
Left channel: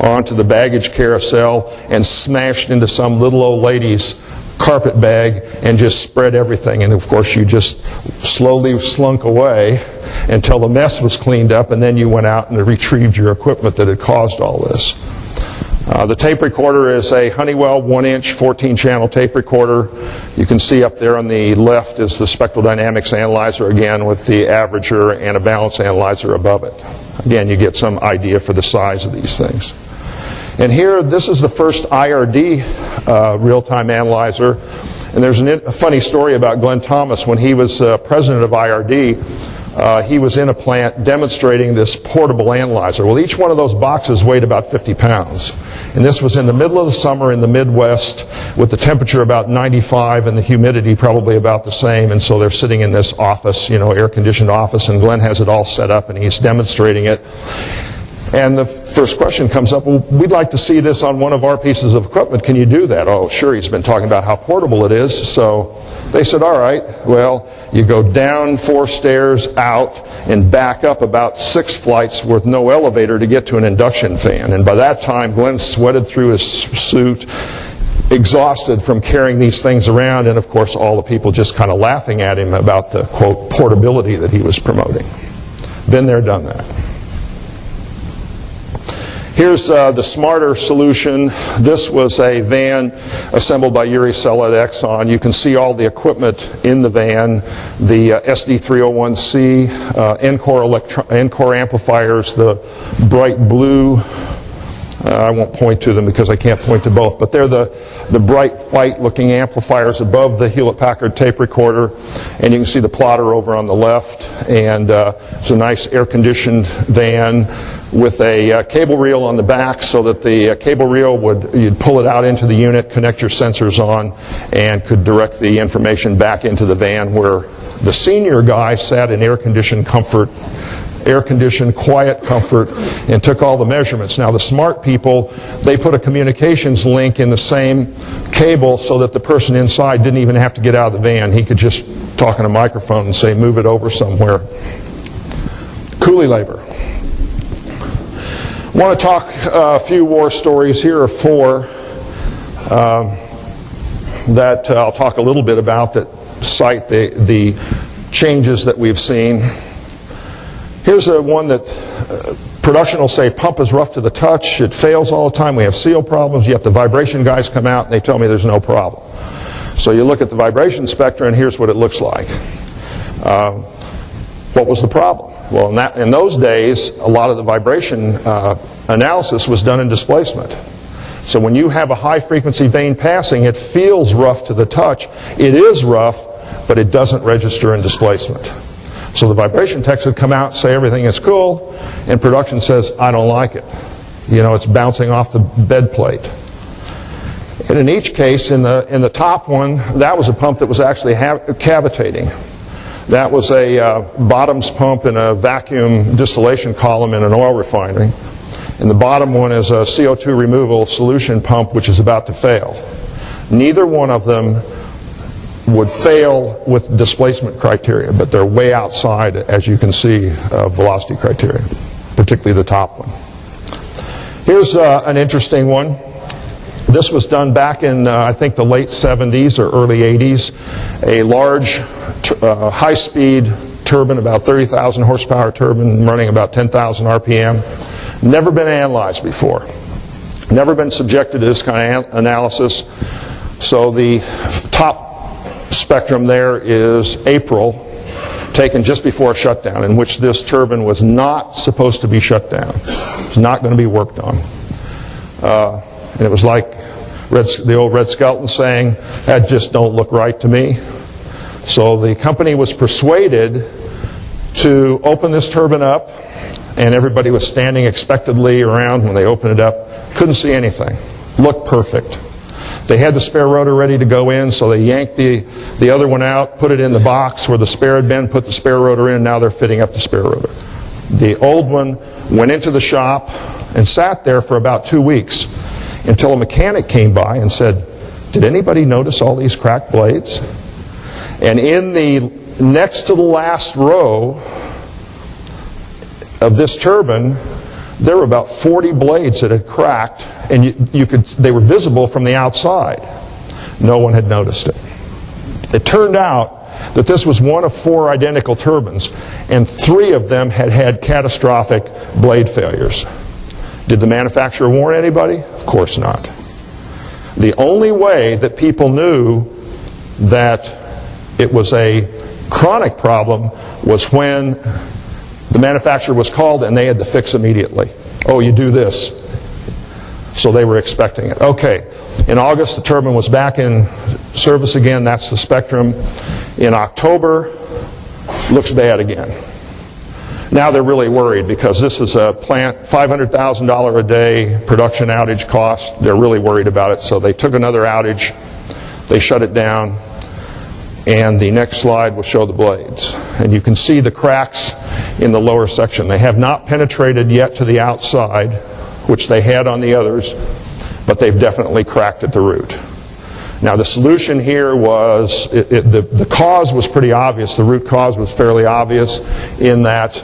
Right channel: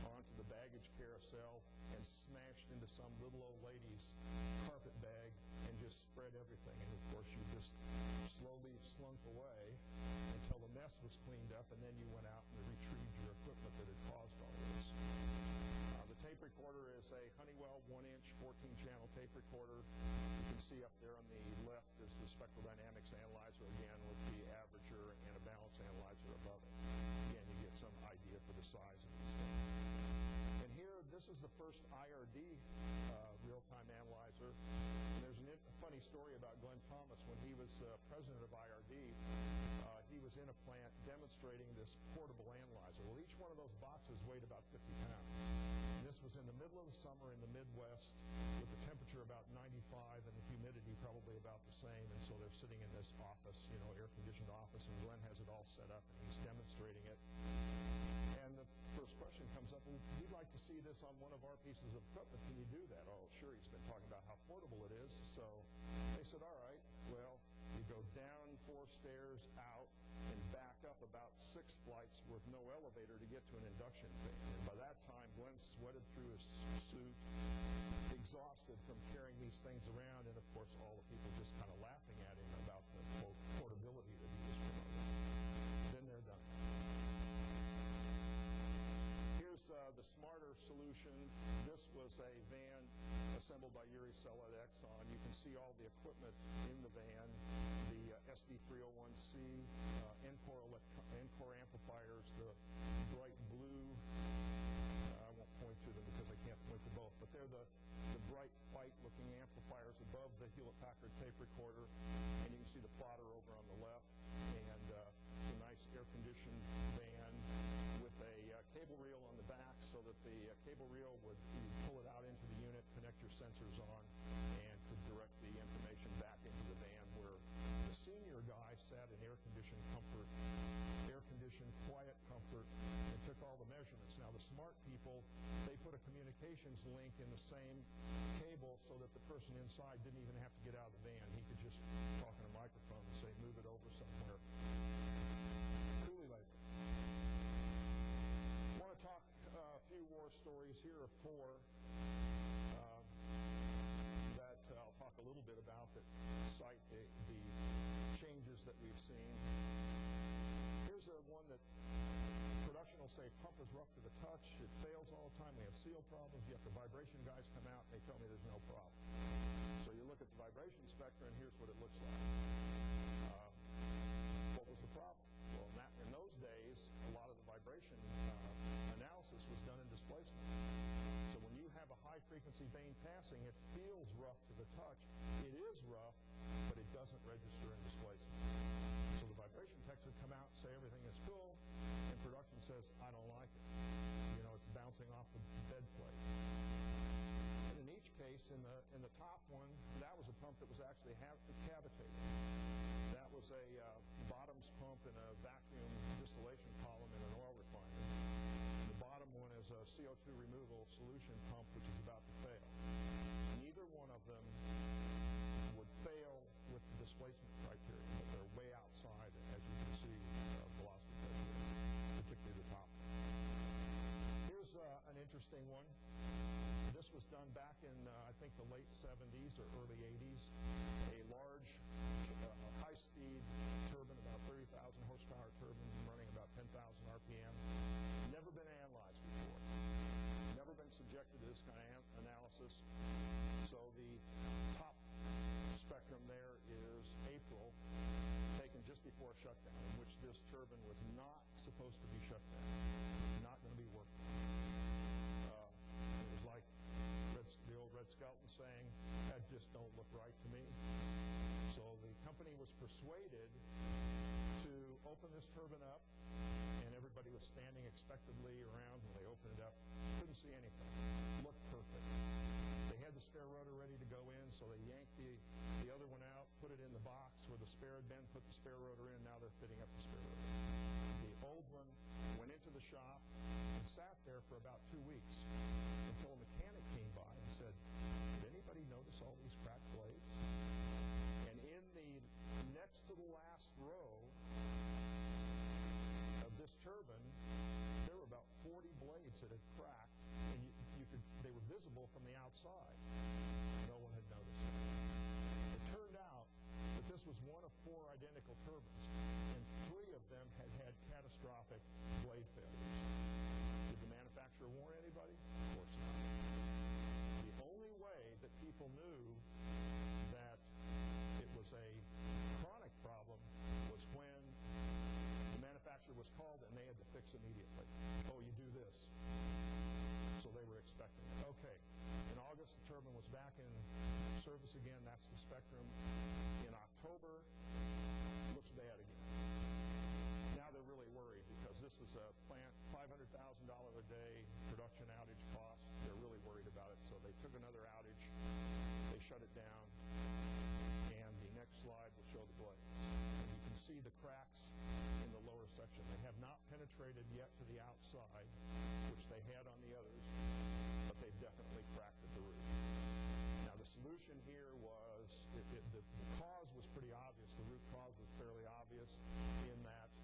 onto the baggage carousel and smashed into some little old lady's carpet bag and just spread everything. And of course you just slowly slunk away until the mess was cleaned up, and then you went out and retrieved your equipment that had caused all this. The tape recorder is a Honeywell 1-inch 14-channel tape recorder. You can see up there on the left is the spectral dynamics analyzer, again with the averager and a balance analyzer above it. Again, you get some idea for the size of these things. And here, this is the first IRD real-time analyzer. And there's a funny story about Glenn Thomas. When he was president of IRD, he was in a plant demonstrating this portable analyzer. Well, each one of those boxes weighed about 50 pounds. And this was in the middle of the summer in the Midwest with the temperature about 95 and the humidity probably about the same. And so they're sitting in this office, you know, air-conditioned office, and Glenn has it all set up and he's demonstrating it. And the first question comes up, well, we'd like to see this on one of our pieces of equipment. Can you do that? Oh, sure, he's been talking about how portable it is. So they said, all right, well, you go down 4 stairs, out, and back up about 6 flights with no elevator to get to an induction fan. And by that time, Glenn sweated through his suit, exhausted from carrying these things around, and of course all the people just kind of laughing at him about the, quote, portability that he was promoting. Been there, done that. Here's the smarter solution. This was a van assembled by Yuri Sella at Exxon. You can see all the equipment in the van, the SD301C, Encore amplifiers, the bright blue. I won't point to them because I can't point to both, but they're the bright white looking amplifiers above the Hewlett-Packard tape recorder, and you can see the plotter over on the left, and it's a nice air-conditioned van with a cable reel on the back so that the cable reel you'd pull it out into the unit, connect your sensors on, and could direct the information back into the van where the senior guy sat in air-conditioned comfort, air-conditioned, quiet comfort, and took all the measurements. Now the smart people, they put a communications link in the same cable so that the person inside didn't even have to get out of the van. He could just talk on a microphone and say, move it over somewhere. Coolie labor. I want to talk a few war stories. Here are 4 that I'll talk a little bit about that cite the changes that we've seen. Here's one that production will say pump is rough to the touch, it fails all the time, we have seal problems, yet the vibration guys come out and they tell me there's no problem. So you look at the vibration spectra and here's what it looks like. What was the problem? Well, in those days, a lot of the vibration analysis was done in displacement. So when you have a high-frequency vane passing, it feels rough to the touch. It is rough, but it doesn't register in displacement. So the vibration techs would come out and say everything is cool, and production says, I don't like it. You know, it's bouncing off the bed plate. And in each case, in the top one, that was a pump that was actually cavitating. That was a bottoms pump in a vacuum distillation column in an oil refinery. And the bottom one is a CO2 removal solution pump which is about to fail. Neither one of them would fail with displacement criteria, but they're way outside, as you can see, velocity criteria, particularly the top one. Here's an interesting one. This was done back in, I think, the late 70s or early 80s. A large high-speed turbine, about 30,000 horsepower turbine running about 10,000 RPM. Never been analyzed before. Never been subjected to this kind of analysis. So the top spectrum there is April, taken just before shutdown, in which this turbine was not supposed to be shut down. It was not going to be worked on. And it was like the old Red Skelton saying, that just don't look right to me. So the company was persuaded to open this turbine up, and everybody was standing expectantly around when they opened it up. Couldn't see anything. Looked perfect. They had the spare rotor ready to go in, so they yanked the other one out, put it in the box where the spare had been, put the spare rotor in, now they're fitting up the spare rotor. The old one went into the shop and sat there for about 2 weeks until a mechanic came by and said, did anybody notice all these cracked blades? And in the next to the last row of this turbine, there were about 40 blades that had cracked, and they were visible from the outside. No one had noticed it. It turned out that this was one of 4 identical turbines, and 3 of them had had catastrophic blade failures. Did the manufacturer warn anybody? Of course not. The only way that people knew that it was a chronic problem was when the manufacturer was called and they had to fix immediately. Oh, you do this. So they were expecting it. Okay, in August the turbine was back in service again. That's the spectrum. In October, looks bad again. Now they're really worried because this is a plant, $500,000 a day production outage cost. They're really worried about it, so they took another outage, they shut it down, and the next slide will show the blades. And you can see the cracks in the lower section. They have not penetrated yet to the outside, which they had on the others, but they've definitely cracked at the root. Now the solution here was, the cause was pretty obvious. The root cause was fairly obvious in that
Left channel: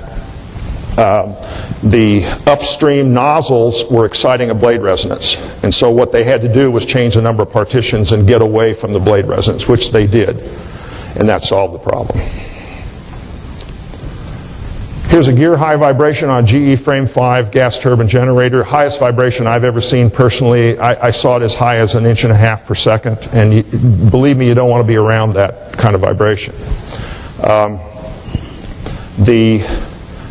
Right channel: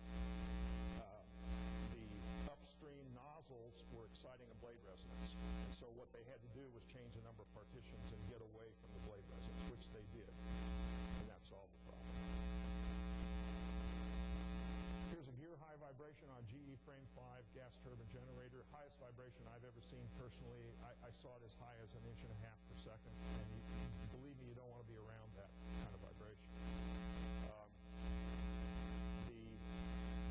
the upstream nozzles were exciting a blade resonance. And so what they had to do was change the number of partitions and get away from the blade resonance, which they did. And that solved the problem. Here's a gear high vibration on GE Frame 5 gas turbine generator. Highest vibration I've ever seen personally. I saw it as high as 1.5 inches per second. And believe me, you don't want to be around that kind of vibration. The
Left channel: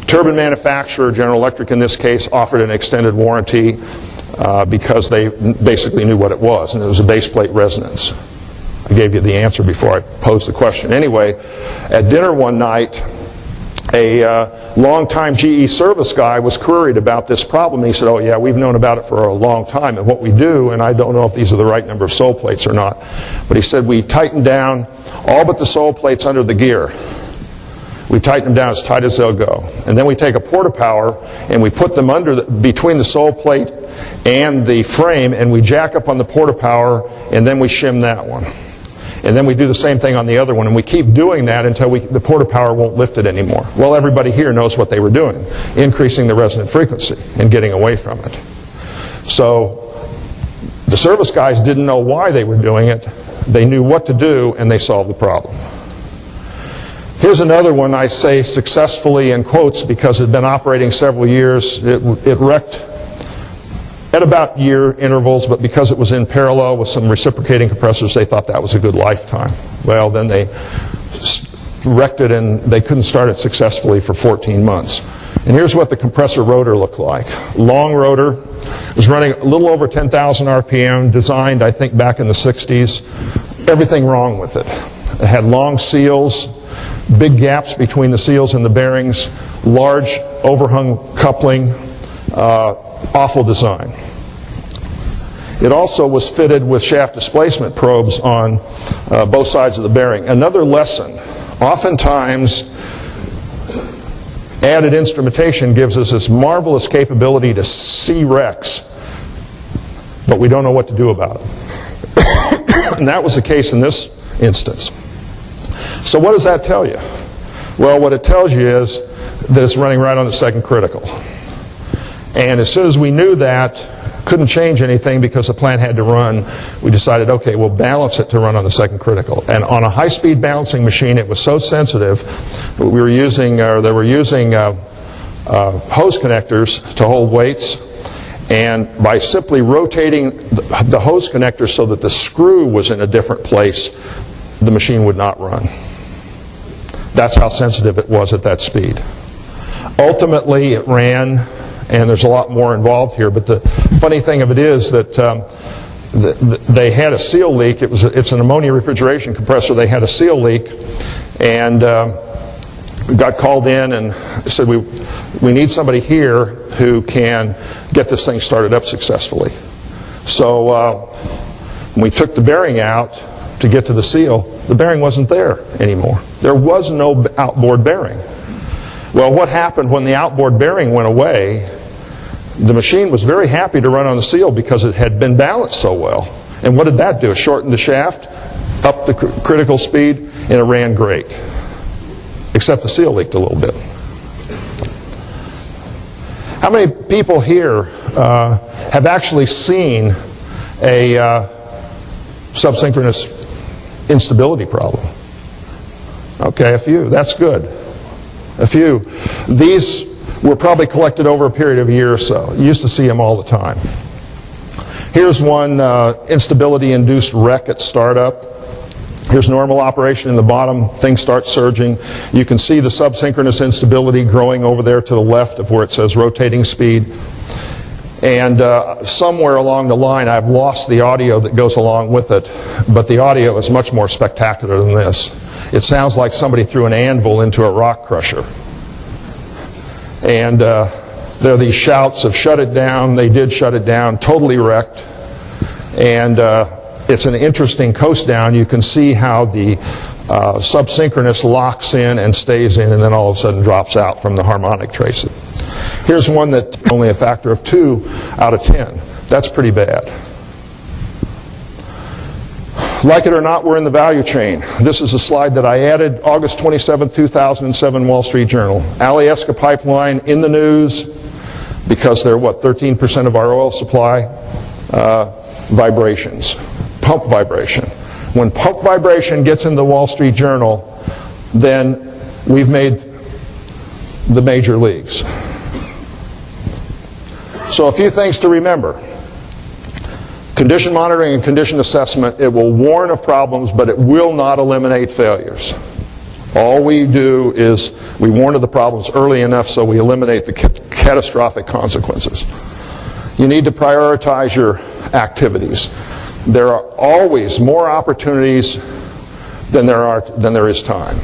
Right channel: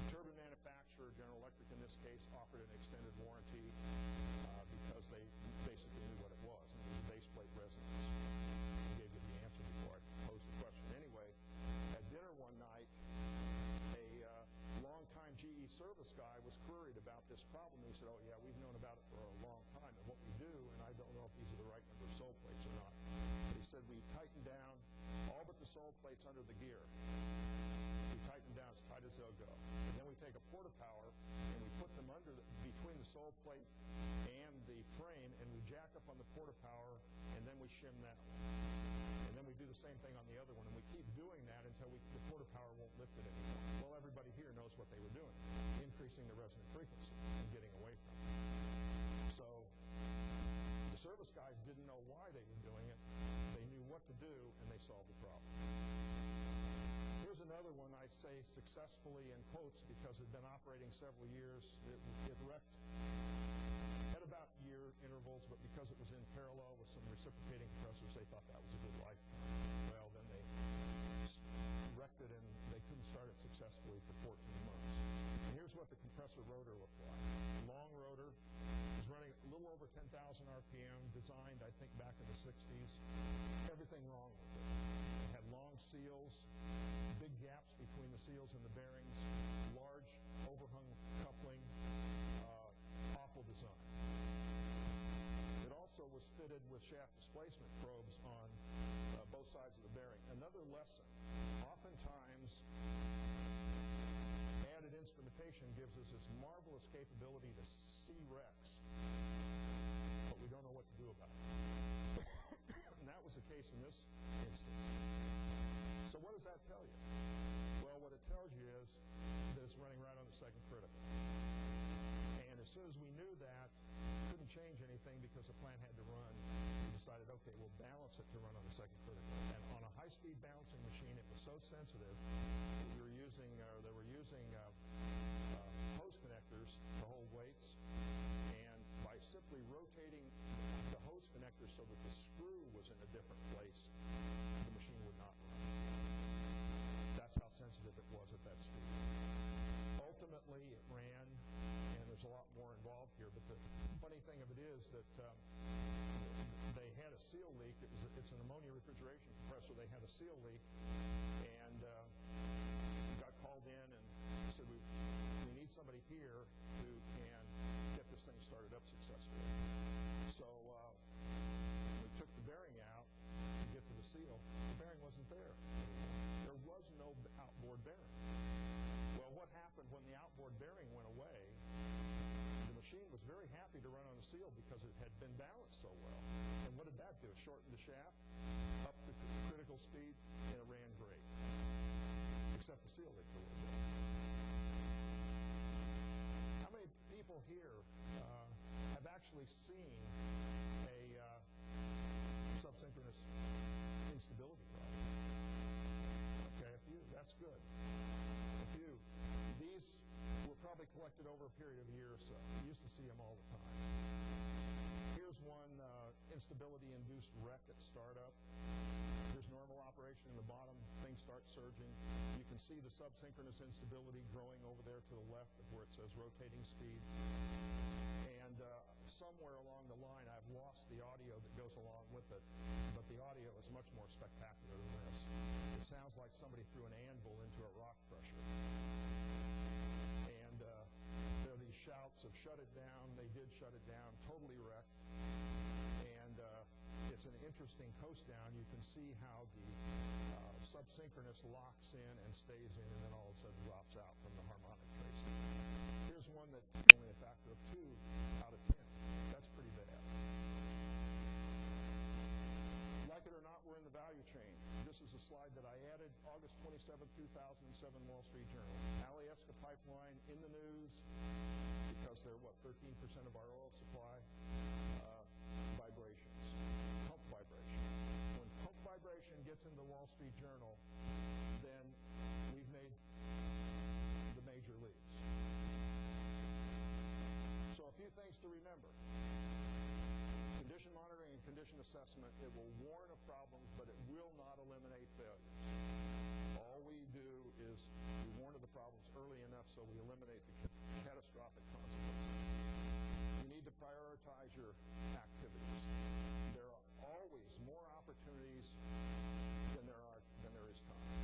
turbine manufacturer, General Electric in this case, offered an extended warranty because they basically knew what it was, and it was a base plate resonance. I gave you the answer before I posed the question. Anyway, at dinner one night, a longtime GE service guy was queried about this problem. He said, oh yeah, we've known about it for a long time, and what we do, and I don't know if these are the right number of sole plates or not, but he said we tighten down all but the sole plates under the gear. We tighten them down as tight as they'll go. And then we take a porta-power and we put them between the sole plate and the frame, and we jack up on the porta-power, and then we shim that one. And then we do the same thing on the other one, and we keep doing that until the porta-power won't lift it anymore. Well, everybody here knows what they were doing, increasing the resonant frequency and getting away from it. So the service guys didn't know why they were doing it. They knew what to do, and they solved the problem. Here's another one I say successfully in quotes because it had been operating several years. It wrecked at about year intervals, but because it was in parallel with some reciprocating compressors, they thought that was a good lifetime. Well, then they wrecked it and they couldn't start it successfully for 14 months. And here's what the compressor rotor looked like. Long rotor. It was running a little over 10,000 RPM, designed, I think, back in the 60s. Everything wrong with it. It had long seals, big gaps between the seals and the bearings, large overhung coupling, awful design. It also was fitted with shaft displacement probes on both sides of the bearing. Another lesson, oftentimes added instrumentation gives us this marvelous capability to see wrecks, but we don't know what to do about it. And that was the case in this instance. So what does that tell you? Well, what it tells you is that it's running right on the second critical. And as soon as we knew that, couldn't change anything because the plant had to run, we decided, okay, we'll balance it to run on the second critical. And on a high-speed balancing machine, it was so sensitive that they were using hose connectors to hold weights. And by simply rotating the hose connector so that the screw was in a different place, the machine would not run. That's how sensitive it was at that speed. Ultimately, it ran, and there's a lot more involved here, but the funny thing of it is that they had a seal leak. It's an ammonia refrigeration compressor. They had a seal leak, and got called in and said, we need somebody here who can get this thing started up successfully. So we took the bearing out to get to the seal. The bearing wasn't there anymore. There was no outboard bearing. Well, what happened when the outboard bearing went away, the machine was very happy to run on the seal because it had been balanced so well. And what did that do? It shortened the shaft, up the critical speed, and it ran great. Except the seal leaked a little bit. How many people here have actually seen a subsynchronous instability problem? Okay, a few. That's good. A few. These were probably collected over a period of a year or so. You used to see them all the time. Here's one instability-induced wreck at startup. Here's normal operation in the bottom. Things start surging. You can see the subsynchronous instability growing over there to the left of where it says rotating speed. And somewhere along the line, I've lost the audio that goes along with it, but the audio is much more spectacular than this. It sounds like somebody threw an anvil into a rock crusher. And there are these shouts of shut it down. They did shut it down, totally wrecked. And it's an interesting coast down. You can see how the subsynchronous locks in and stays in and then all of a sudden drops out from the harmonic tracing. Here's one that's only a factor of 2 out of 10. That's pretty bad. Like it or not, we're in the value chain. This is a slide that I added August 27, 2007, Wall Street Journal. Alyeska pipeline in the news because they're, 13% of our oil supply? Vibrations, pump vibration. When pump vibration gets in the Wall Street Journal, then we've made the major leagues. So a few things to remember. Condition monitoring and condition assessment, it will warn of problems, but it will not eliminate failures. All we do is we warn of the problems early enough so we eliminate the catastrophic consequences. You need to prioritize your activities. There are always more opportunities than there is time.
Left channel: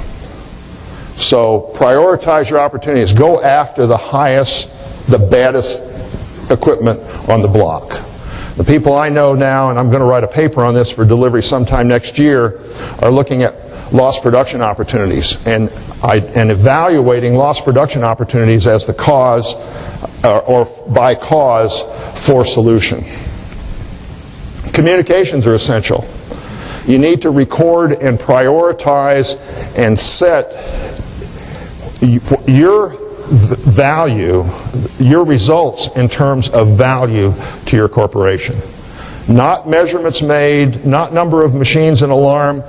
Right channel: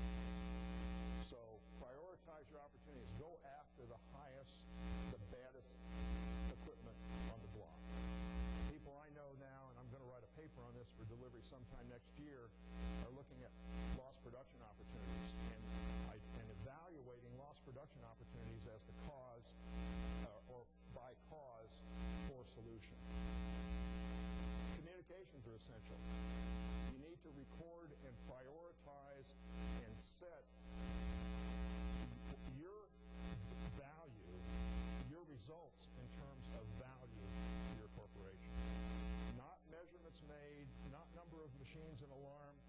So prioritize your opportunities. Go after the highest, the baddest equipment on the block. The people I know now, and I'm going to write a paper on this for delivery sometime next year, are looking at lost production opportunities and evaluating lost production opportunities as the cause or by cause for solution. Communications are essential. You need to record and prioritize and set your value, your results in terms of value to your corporation. Not measurements made, not number of machines in alarm.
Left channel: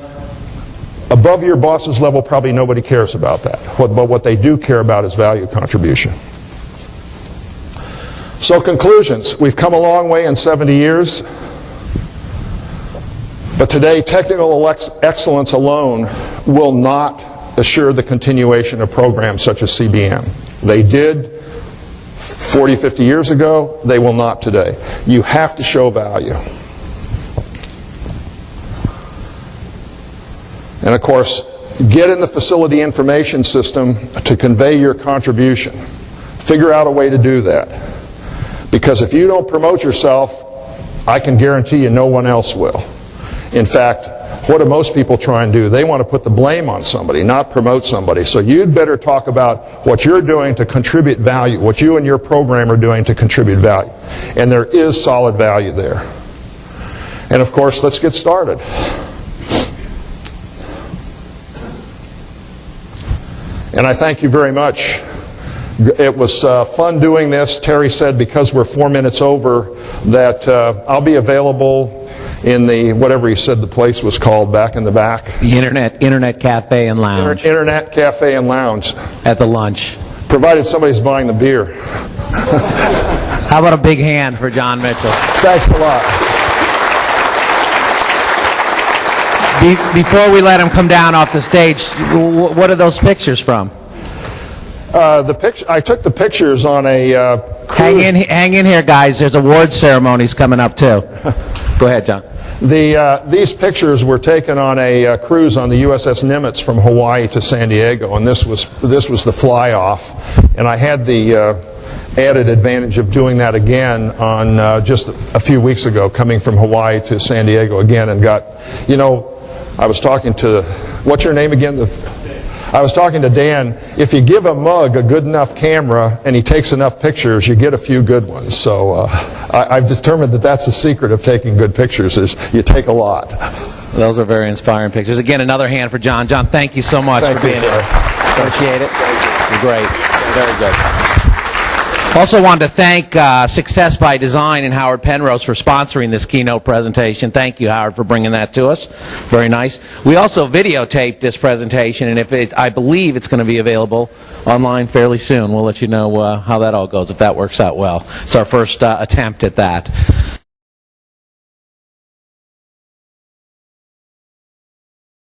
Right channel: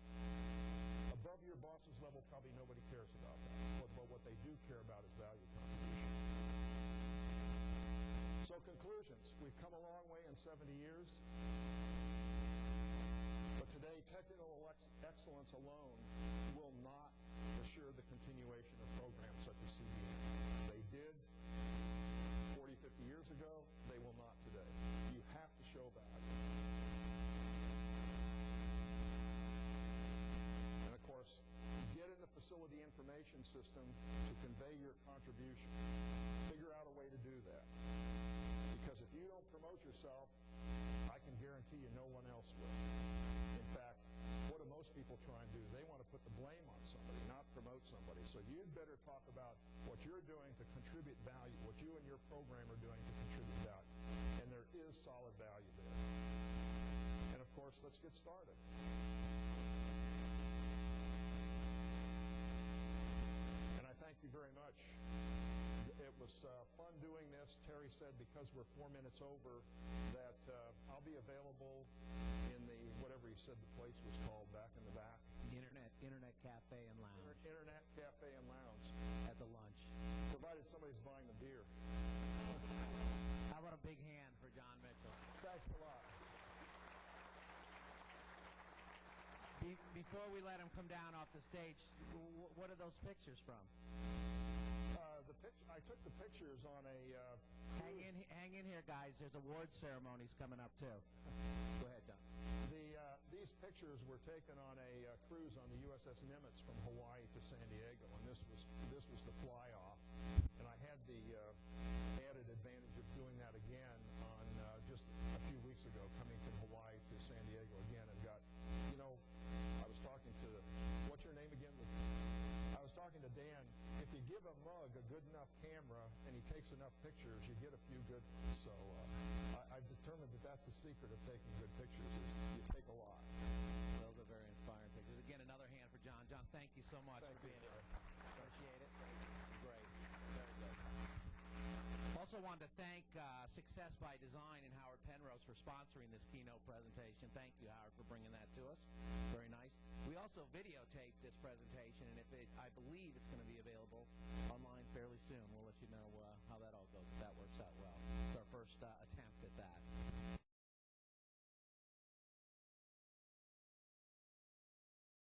Above your boss's level, probably nobody cares about that. But what they do care about is value contribution. So conclusions. We've come a long way in 70 years. But today, technical excellence alone will not assure the continuation of programs such as CBM. They did 40, 50 years ago. They will not today. You have to show value. And of course, get in the facility information system to convey your contribution. Figure out a way to do that. Because if you don't promote yourself, I can guarantee you no one else will. In fact, what do most people try and do? They want to put the blame on somebody, not promote somebody. So you'd better talk about what you're doing to contribute value, what you and your program are doing to contribute value. And there is solid value there. And of course, let's get started. And I thank you very much. It was fun doing this. Terry said because we're 4 minutes over that I'll be available in the, whatever he said the place was called, back in the back. The Internet Cafe and Lounge. Internet Cafe and Lounge. At the lunch. Provided somebody's buying the beer. How about a big hand for John Mitchell? Thanks a lot. Before we let him come down off the stage, what are those pictures from? I took the pictures on a cruise. Hang in here, guys. There's award ceremonies coming up, too. Go ahead, John. These pictures were taken on a cruise on the USS Nimitz from Hawaii to San Diego, and this was the fly-off. And I had the added advantage of doing that again on just a few weeks ago, coming from Hawaii to San Diego again, and got, I was talking to, what's your name again? I was talking to Dan. If you give a mug a good enough camera and he takes enough pictures, you get a few good ones. So I've determined that that's the secret of taking good pictures, is you take a lot. Those are very inspiring pictures. Again, another hand for John. John, thank you so much for being here. Appreciate it. You're great. Very good. Also wanted to thank Success by Design and Howard Penrose for sponsoring this keynote presentation. Thank you, Howard, for bringing that to us. Very nice. We also videotaped this presentation, and I believe it's going to be available online fairly soon. We'll let you know how that all goes, if that works out well. It's our first attempt at that.